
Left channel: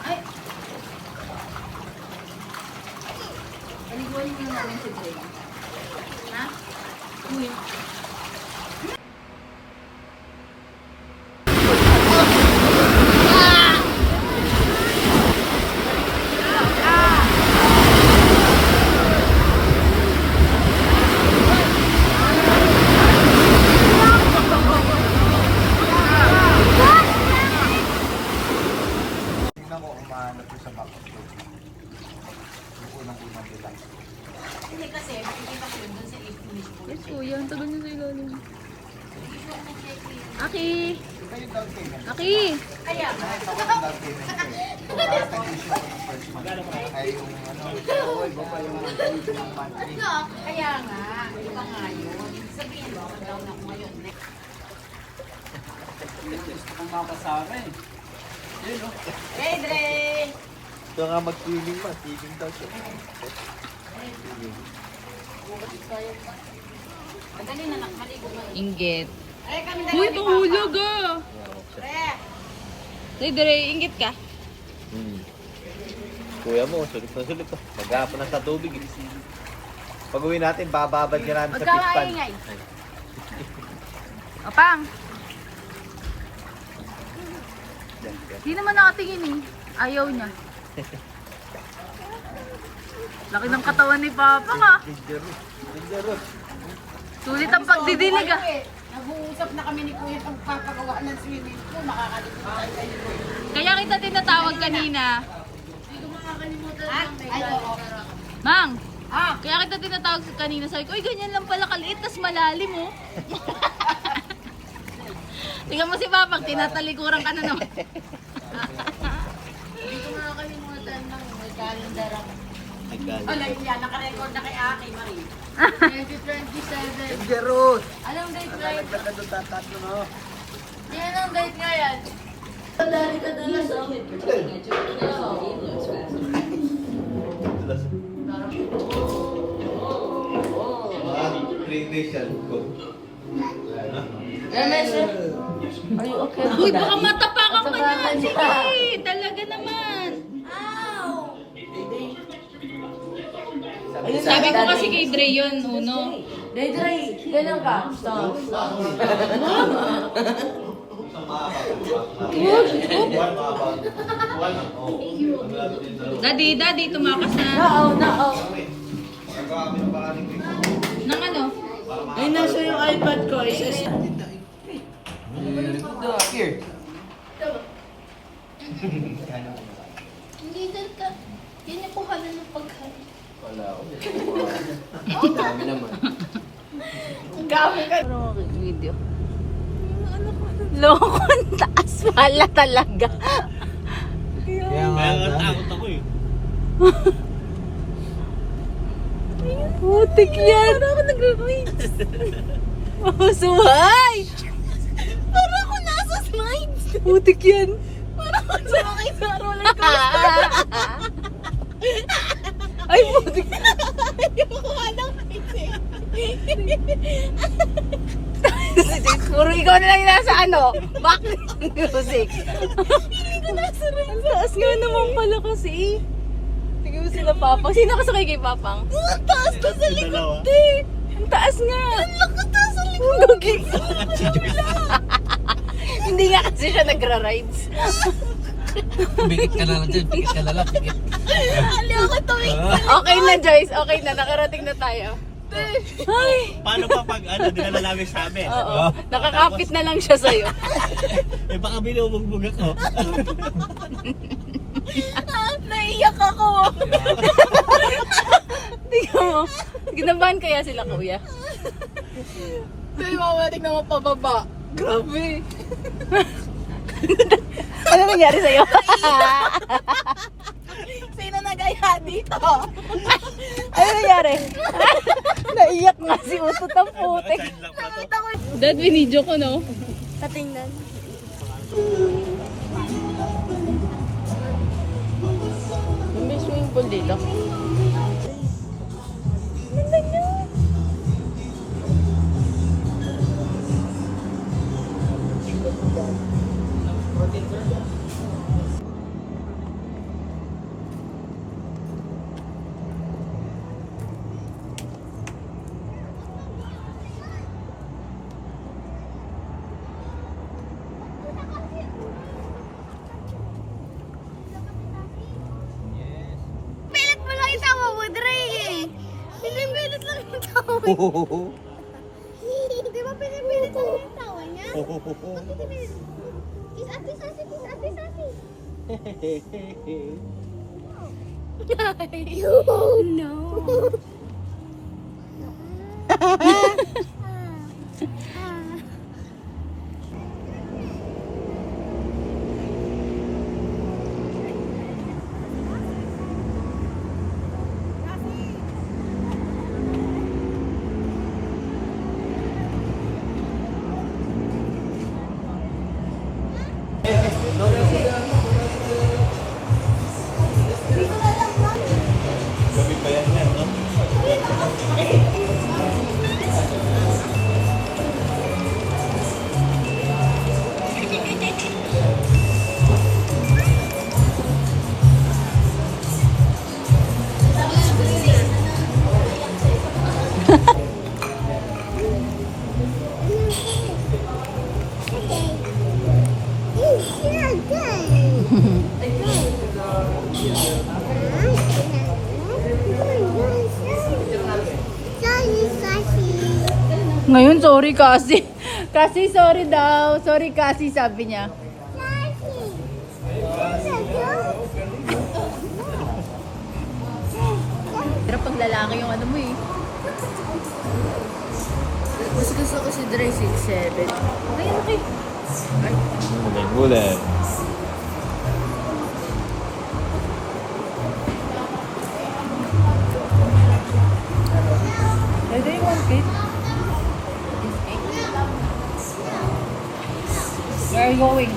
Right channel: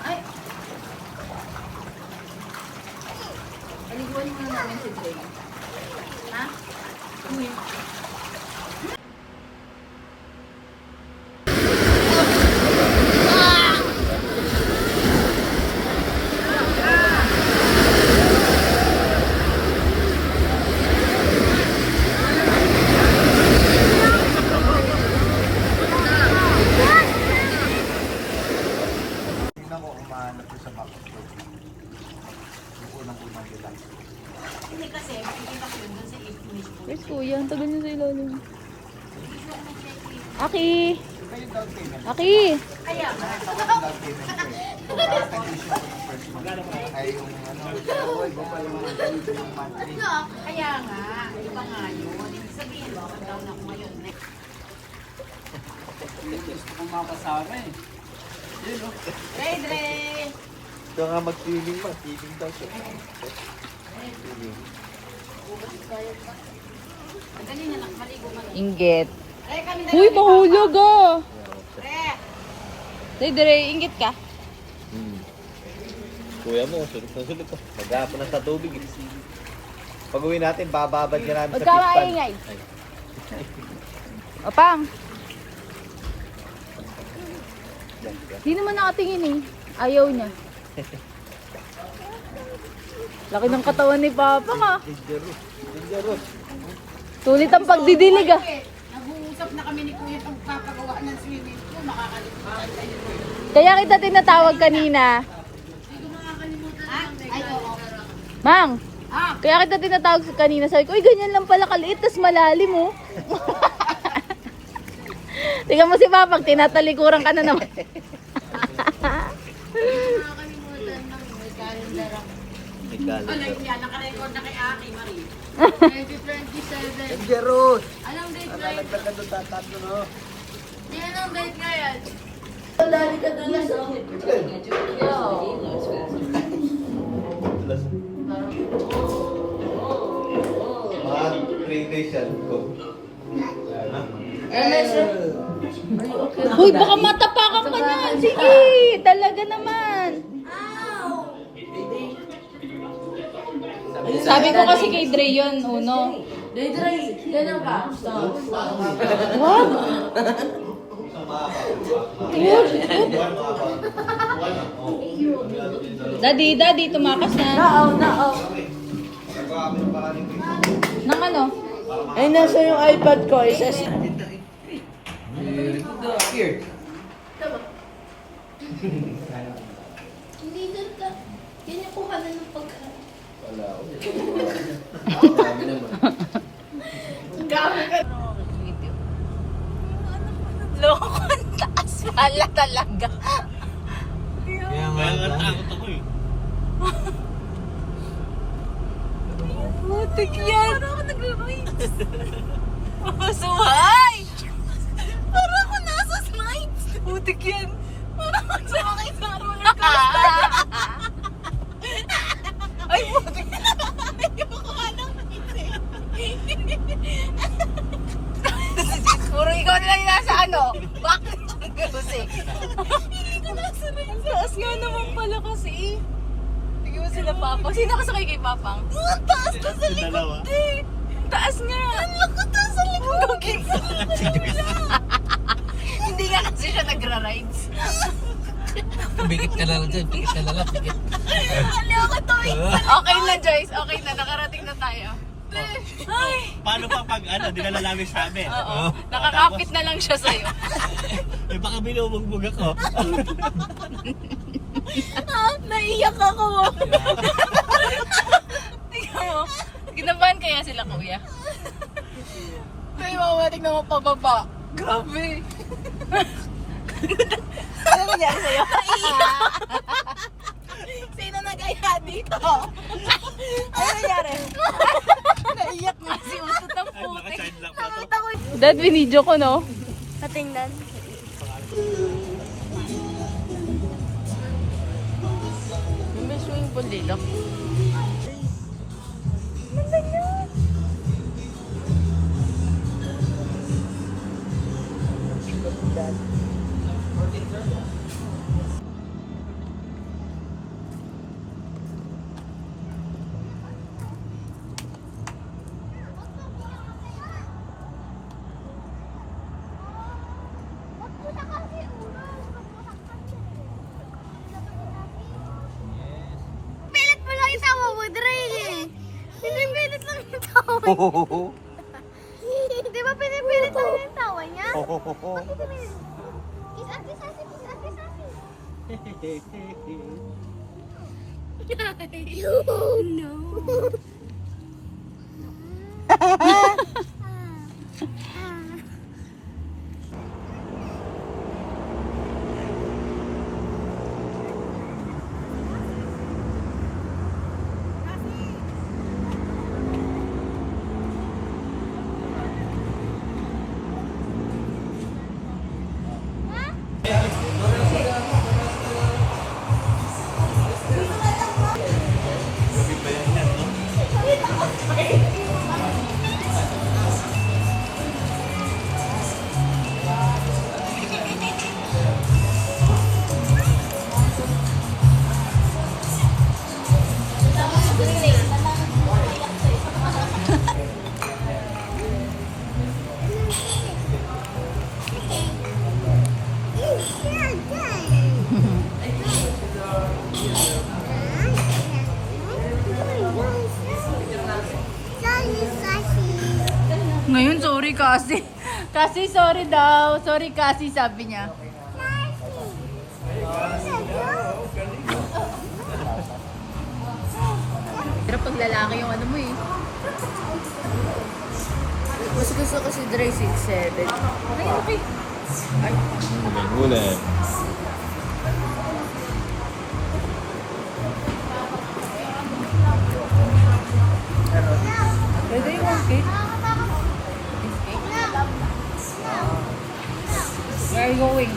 Ay! Paliguan mo na namin si Dre. Ha? Uy. Tingnan ko kung mahanap ko sa map. Yung unang-unang kita. Hindi kasi, makikita ko yun doon sa if mismo. Yes, kuya. Ang tagal niya sa ilalim. Aki! Ito yung down payment. Aki! Kaya nga. Ito yung down payment ko eh. Kung nag-issue ko ng first month, ay yung ano, iba pa yung monthly. No, kaya nga. Iba nga yun. Sabihin mo, down ako ngayon. Gusto kong makasama eh. Yun o. Dre, Dre! Ito nga mag-feeling mo. Feeling daw siya. Feeling. Madali na nakaligo mo na. Inggit. Ay, kami na Uy, mahulog ah! Dre! Say, Dre, inggit ka. Kuya mo, sulot na sulot pa. Maghapon na sa tubig eh. Pag uwi natin, bababad ka namin Huwag sa ka fish pan. maingay. Opang, Yan, yan. di naman nakatingin eh. Ayaw niya. Laki ng katawan ni Papa ka. Dangerous. Dangerous. Sulit ang pagdidilig ah. Nag-uusap na kami ni Kuya pag papagawa ng swimming pool. Makakalimutan kayo. Kaya kita tinatawag kanina. Ha? Ay, oo. Mang, Ah! kaya kita tinatawag kanina. Sabi ko, uy, ganyan lang pala kaliit, tas malalim oh. Tingnan mo si Papa, tinatalikuran ka na naman. Makakalimutan lang. May calendar ako. Nagdali. Ano yun yan? Nakarecord na kay Aki, Marie. 2027. Dangerous. Anong date, Ang right? nagkakadot tatlo no. Yan ang date nga yan. Dali ka doon sa Mga 3 days yan. Go. Are you okay? Uy, baka matapakan ka na. Sige, talaga naman. Sabi ko kasi kay Dre yun, uno. Dre, ganun ka. Stop. Daddy, tumakas na. Nao. Nang ano? Eh, nasa yung iPad ko. Here. Leader ka. Yan yung kuha na ng pagkain. Wala ako. Dami naman. Video. Lokon, taas pala talaga. Kaya nga takot ako eh. Putik yan. Parang ako nag-reach. Oh, suhay! Parang ako nasa slides. Putik yan. Parang ako nakakita roller coaster. Ay, putik. Ayoko ka lang kasi. Puro ikaw na lang yung nasa ano? Background music. Hindi ko nasa rin. Taas nga naman pala kasi. Sige mo sila Papang. Sino kasakay kay Papang? Taas ka sa likod eh. Taas nga. Ang taas sa likod. Hindi nga kasi siya nagra-rides. Bigit ka na lang dyan. Bigit ka na lang. Bigit. Ali ako to eh. Okay na Joyce. Okay na. Nakarating na tayo. Ay. Paano pa pag ano, di ka na namin sabi? Oo. Nakakapit na lang siya sa'yo. Eh baka binubugbog ako. Naiyak ako. Tingnan mo. Ginabahan kaya sila kuya? Ay, mamatik na mo pababa. Grabe. Ano nangyari sa'yo? Sino nagaya dito? Ano nangyari? Naiyak nga si Utot ng putik. Naka-charge lang pa to. Dad, binidyo ko, no? Katingnan. May swimming pool dito. Pilit mo lang yung tawa mo, Dre. Pinipilit lang yung tawa niya. Di ba pinipilit lang yung tawa niya? Bakit pinipilit? Kiss ate sasi, kiss ate sasi. No. Gabi pa yan yan, no? Ngayon, sorry kasi. Kasi sorry daw. Sorry kasi sabi niya. Pero pag lalaki yung ano mo eh. Mas gusto ko si Dre 6'7". Ay, okay. Huli. Pwede yung 1 kit. are you going?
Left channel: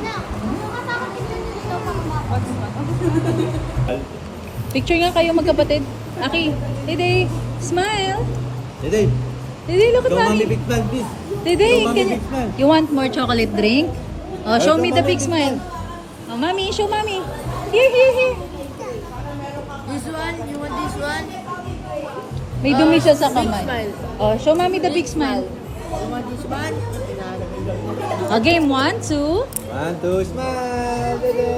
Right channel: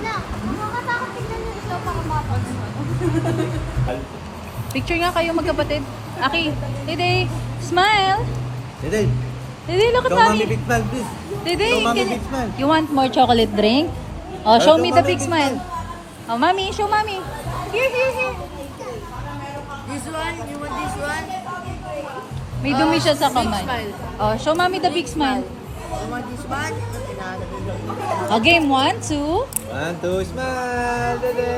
Na, nakakatakot tignan nyo dito para mapag. Picture nga kayo magkapatid. Aki, Dede, smile. Dede, Dede, look at show mommy mommy. big smile, please. Dede, Show mommy can big smile. you want more chocolate drink? Oh, show Show me the mommy big big smile. Oh, mommy, show mommy. Here, here, here. This one, you want this one? May dumi siya sa kamay. Oh, show mommy the big smile. You want this one? Game 1, 2. 1, 2, smile, Dede.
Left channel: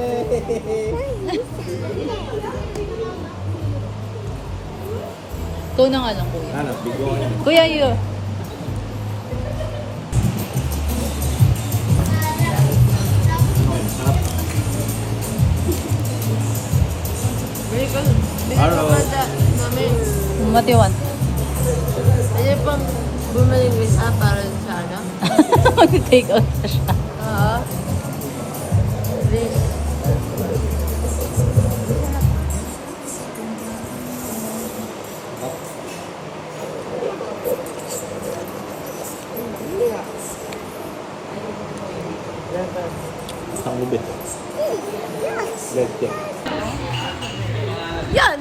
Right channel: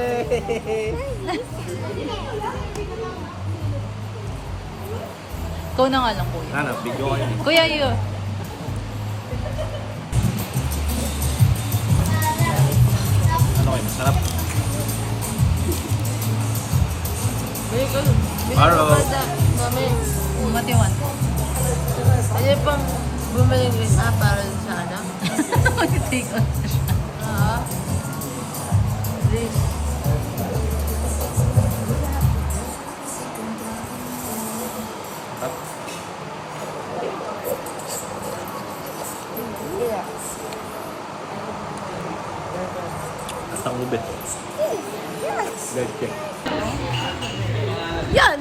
Ikaw na nga lang, kuya. Ano, video ko yun. Kuya, you. Sarap. Araw. Mami, What you want? pwede pang bumili ng isa para sa ano? Mag-take out na siya. Oo. Please. Ang ube. Let's check. Yan!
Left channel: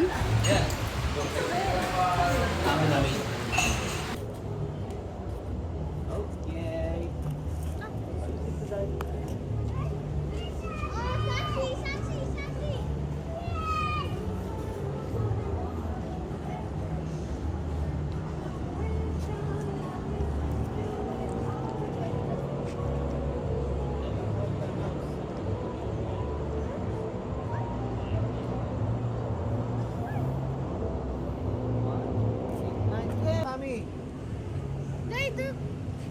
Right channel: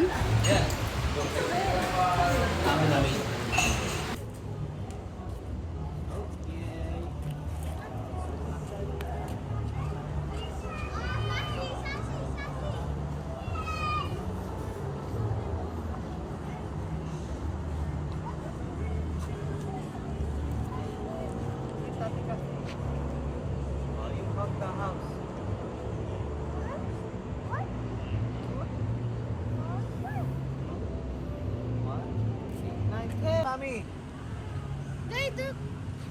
Mommy, Dito,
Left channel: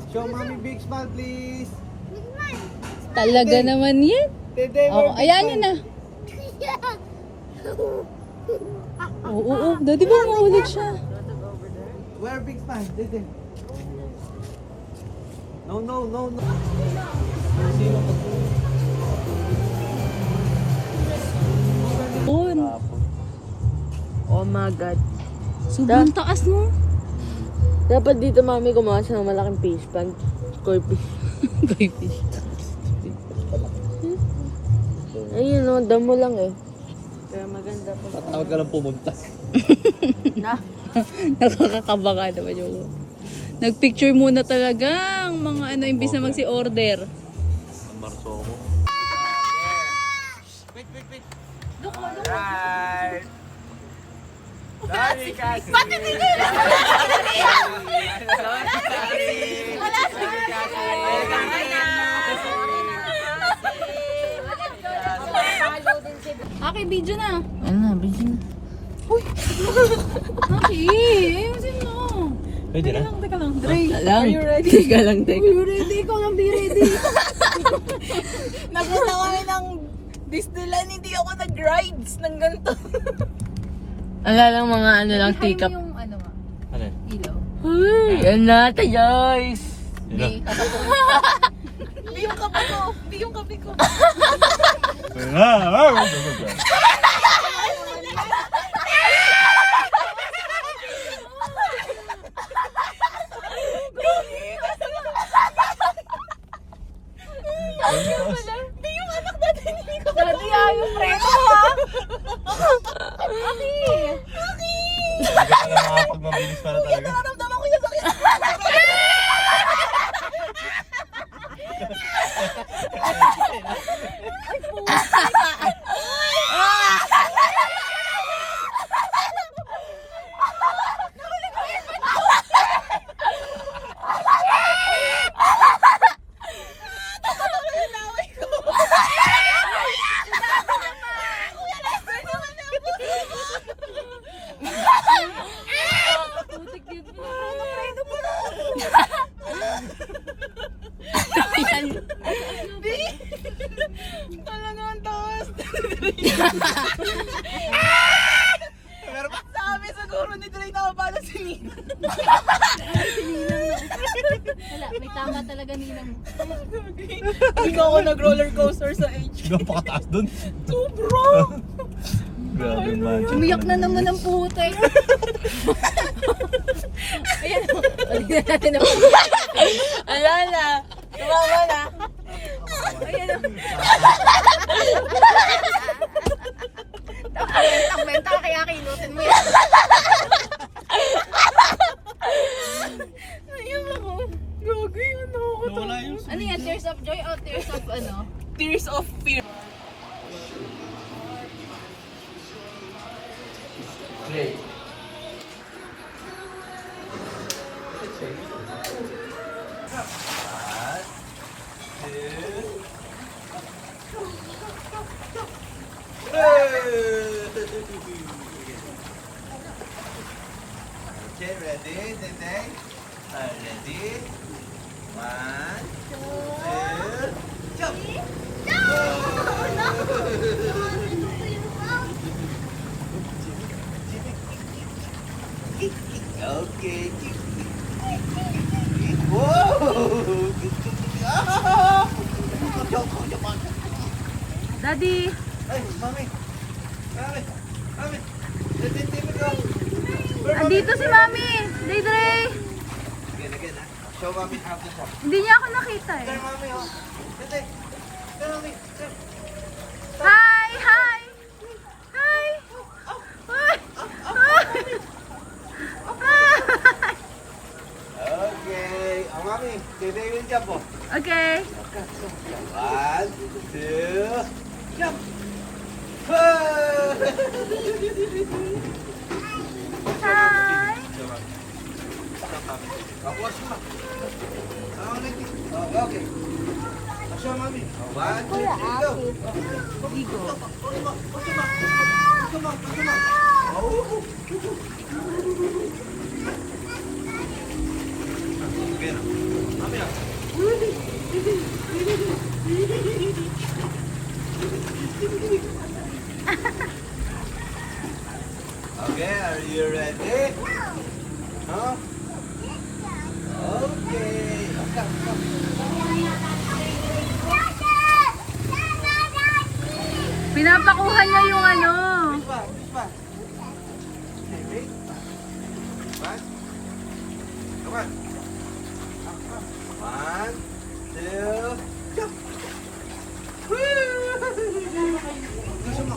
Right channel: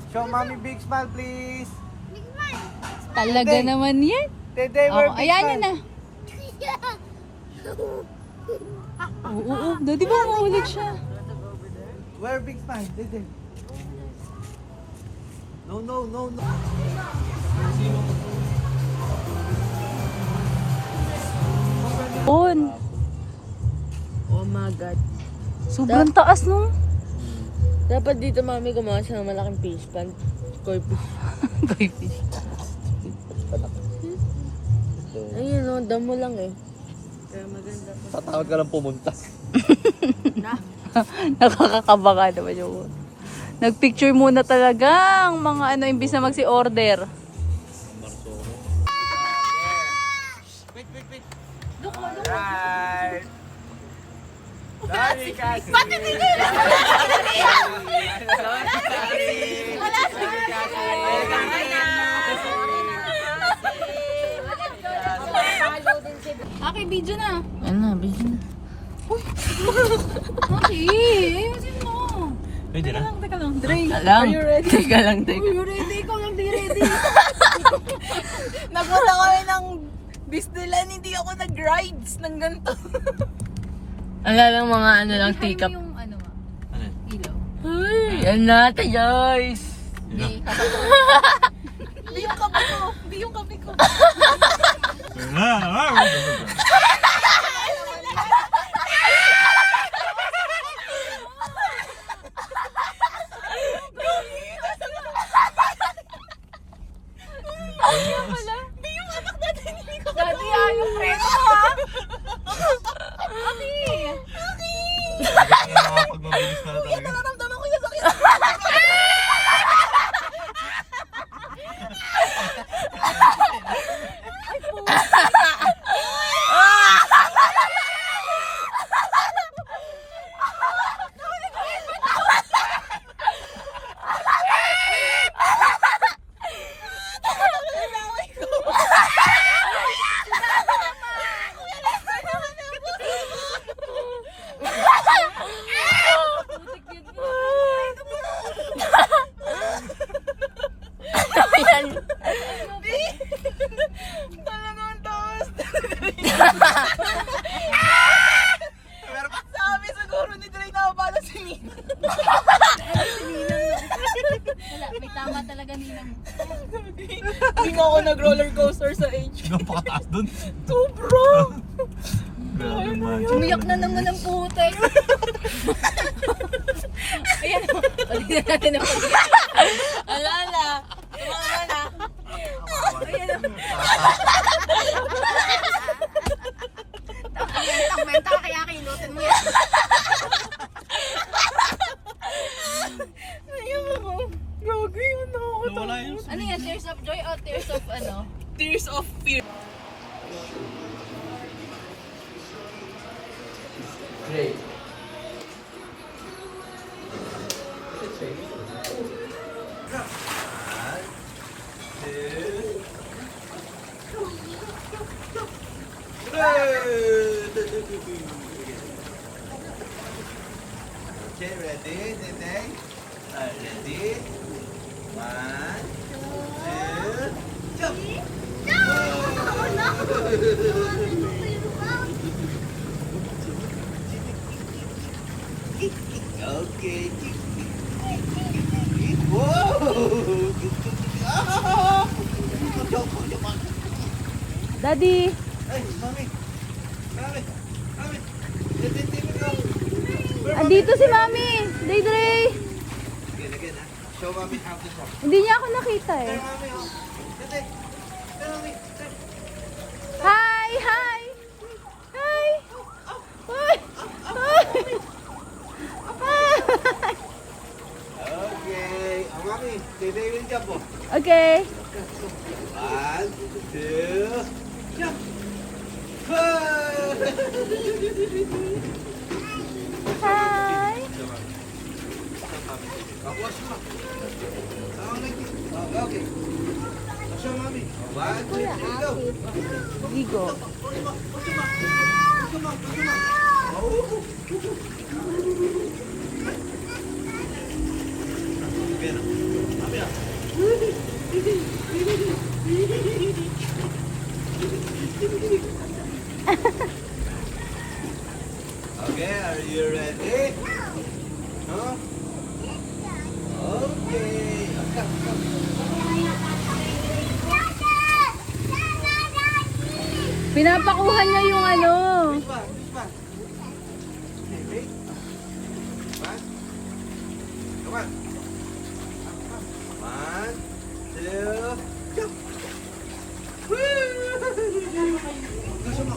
show mommy big smile, please. big man. Talaga naman yan. Dede, Oh, ayan na na. Oo, Daddy ba mahulog siya? Where big smile, Dede? No, no, no, no. On. Oh my God. Sobrang taas, no? Dapat dito mami gumawa siya ng malaking fish pan. Scorpion. Baby. Ayun no, damo lang eh. Kaya maganda po. Tatawag ka lang pumunta. Nakakakaba ka naman yung... Nagpicture muna talaga ang mga ano, imbis na magsi-order. Marso ko. Aki, video na. Ano na, busy na. Aki, ayusin mo. Pwede na? Teka lang, Dre. Are you ready? Teka lang, Are you ready? Ikaw lang di ready. Nagunta ko rin ng Disneyland, hindi ako nag-rides ng ganito. Ala lang mga ano lang, Ano tikap. yung ano nga? Ano? Ilaw. Uy, yan natin guys. Yun lang. Hindi yung kape ko. Hindi yung kape ko. Daddy, ayaw preto ha? Aki! Hindi ka na makapagmabilis na talaga. Nararamdaman ko yung sakit. Sabi siguro ni Dre na pala si Nina. Wala, may tama talaga ninang. Hindi nga ako nag-roller coaster sa H. Napakataas dun. Sobra! Grabe man. Umiyak na naman ang putek. Ayan, ulit na natin ang Ala na. Bentang-benta kaya kinutin mo yan. Ayun ako. Gagi, Nawala yung Ano yan? Tears of joy o tears of ano? Tears of fear. Great. Okay, ready, Dede? Ready? 1, 2, jump! Okay. Whoa! Daddy! Ay, mami! Mami! Mami! Dede, go! Andito si Mami! Daydre! Again, ah. Show mami how to talk. Hindi niya ako nakita eh. There, mami, oh. Dede! There, mami! There. Hi! Hi! Hi! Hi! Okay. Oh, mami. Dede will jump, oh. Okay. 1, 2, jump! Hi! Okay. Show mommy. 1, 2, 3, go. Ligo. Come on. Oh. Again. Mommy, okay, are you ready? Huh? Okay. Pinapakuha niya yung ano. Which one? Okay, one. Come on. 1, 2, jump. Gusto mo?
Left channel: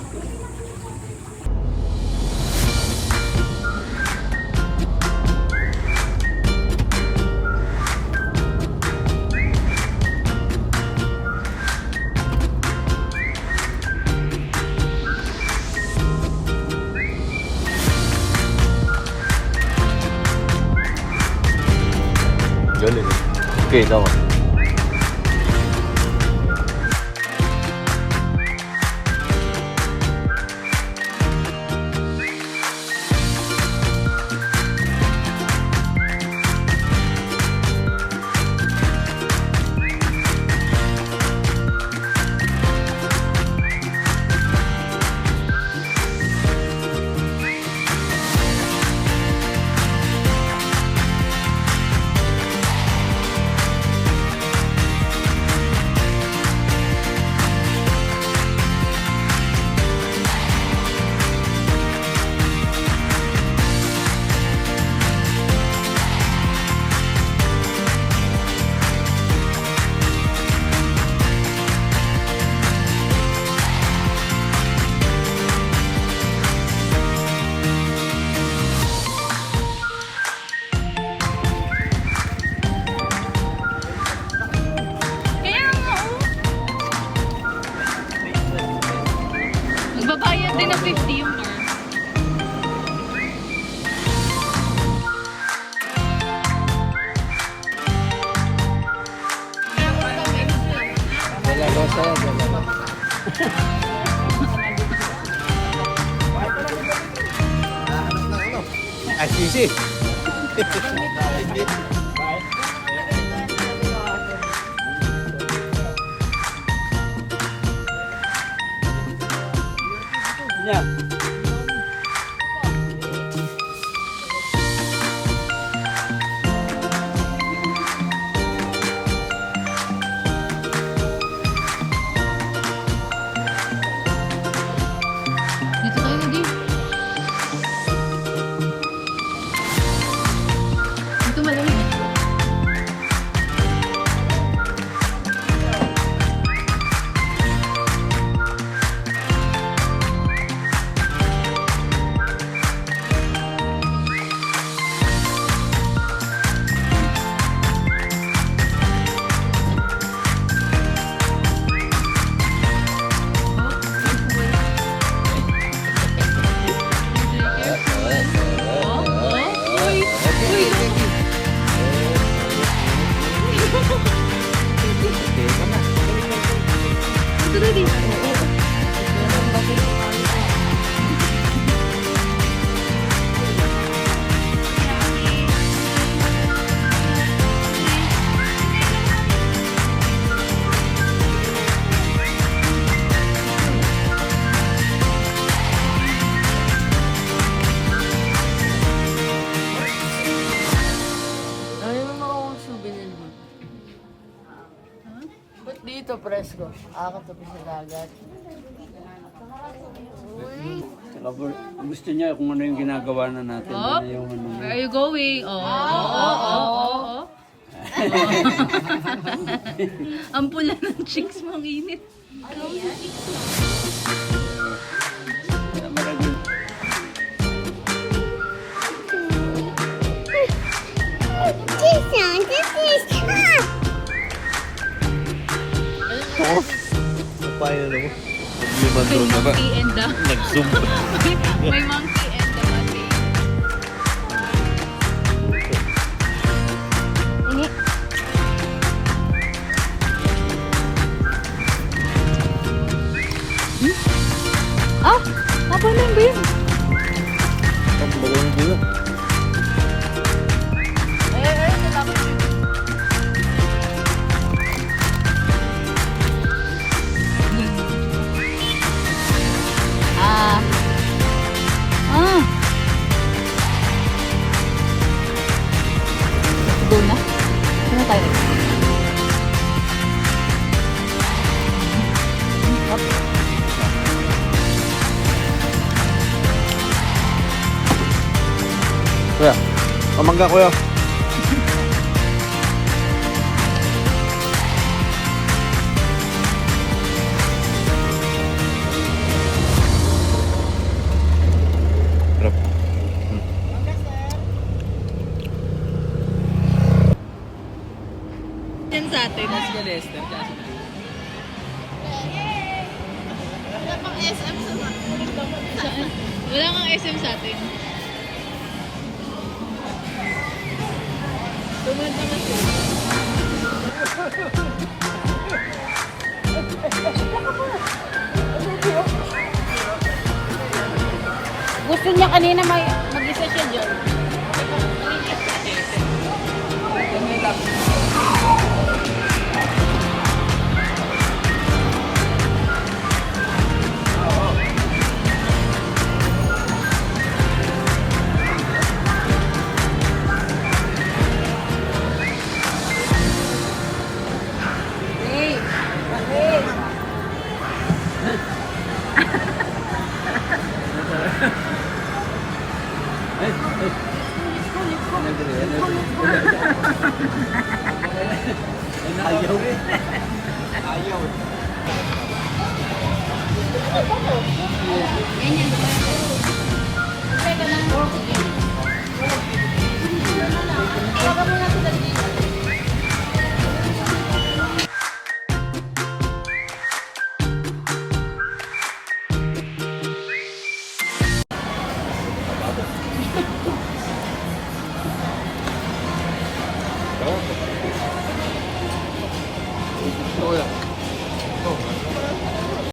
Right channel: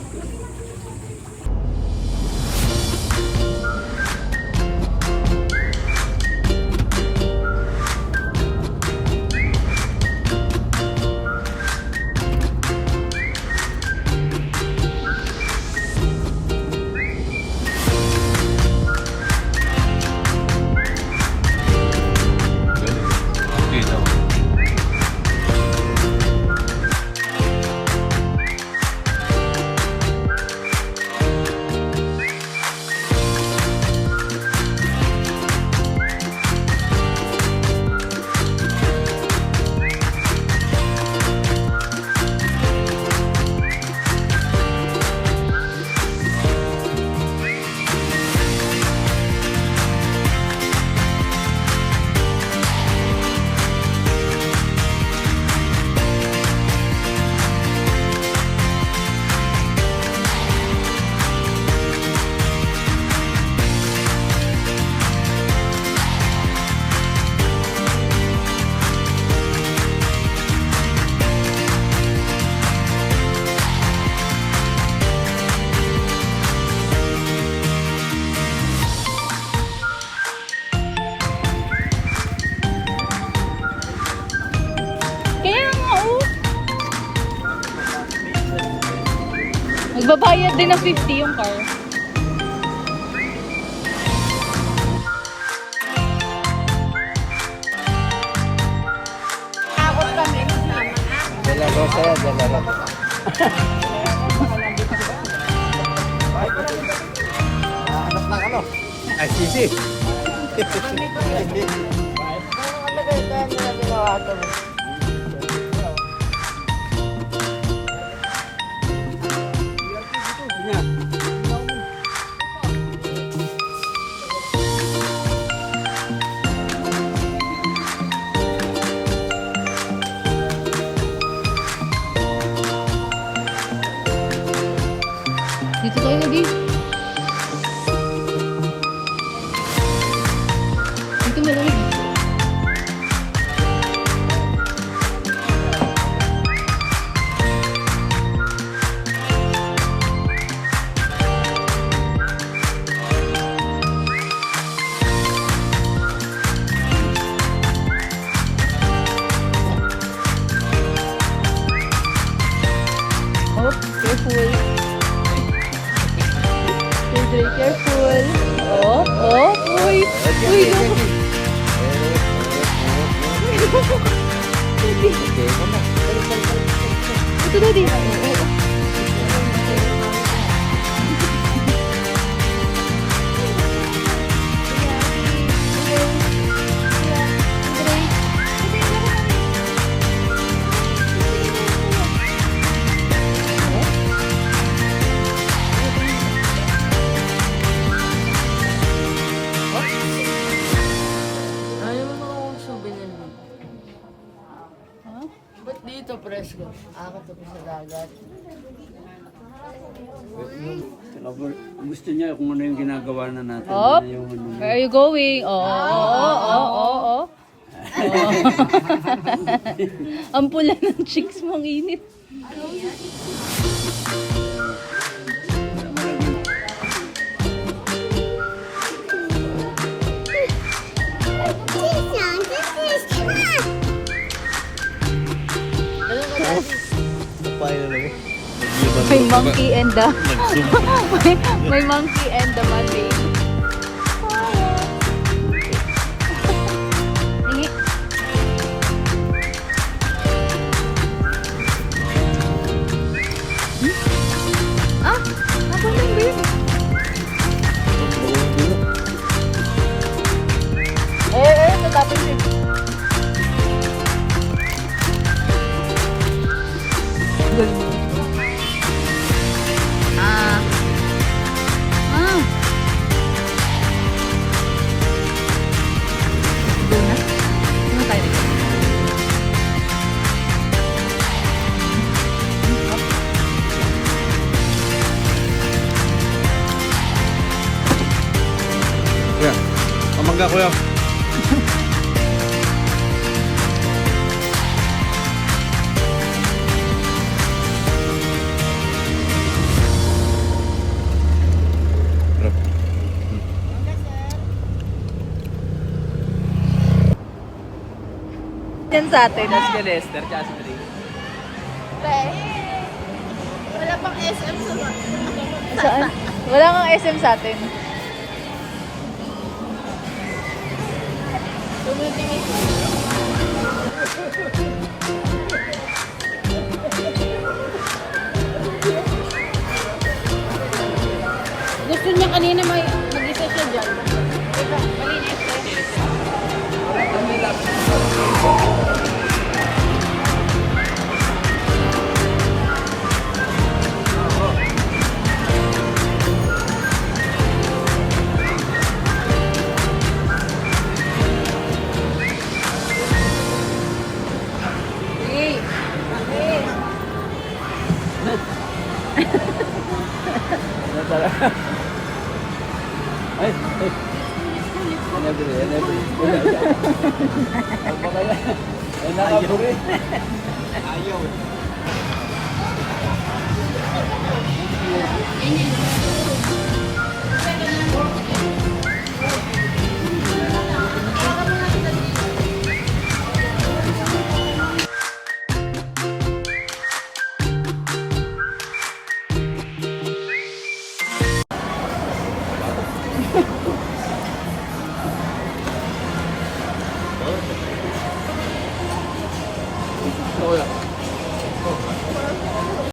Galing. Okay, tama. Magbabayad din ng 50 yung car. Dala Rosa yan, dala Rosa. Ay, sisi. Niya. Dito tayo lagi. Dito malamig. Ito daddy. Ayaw mo makakong souvenir dito. Ba't dito, presko? Akit ako sa dagat. Saka gusto niya kung ano yung ginagawa na natin. Oh. Ano yung ano niya. Where are you going? Oh. Ang pula ng cheeks mong init. Papain na naman. May monkey and the... may monkey and the monkey. Ah! Apa na yun? Ang bago ng dulo. Natapos yun. Ah. Ah. Go na? Ano tayo nag- Kuya, pamangga kuya. Sarap. Yan sa atin. Wala pang SM sa Saan? Wala kang SM sa atin. Gusto niya kanina mag-isa siya dyan. Ay, ay. Never, never. Ang baka yan. Ay, nakapuri. Ayaw. Kuya.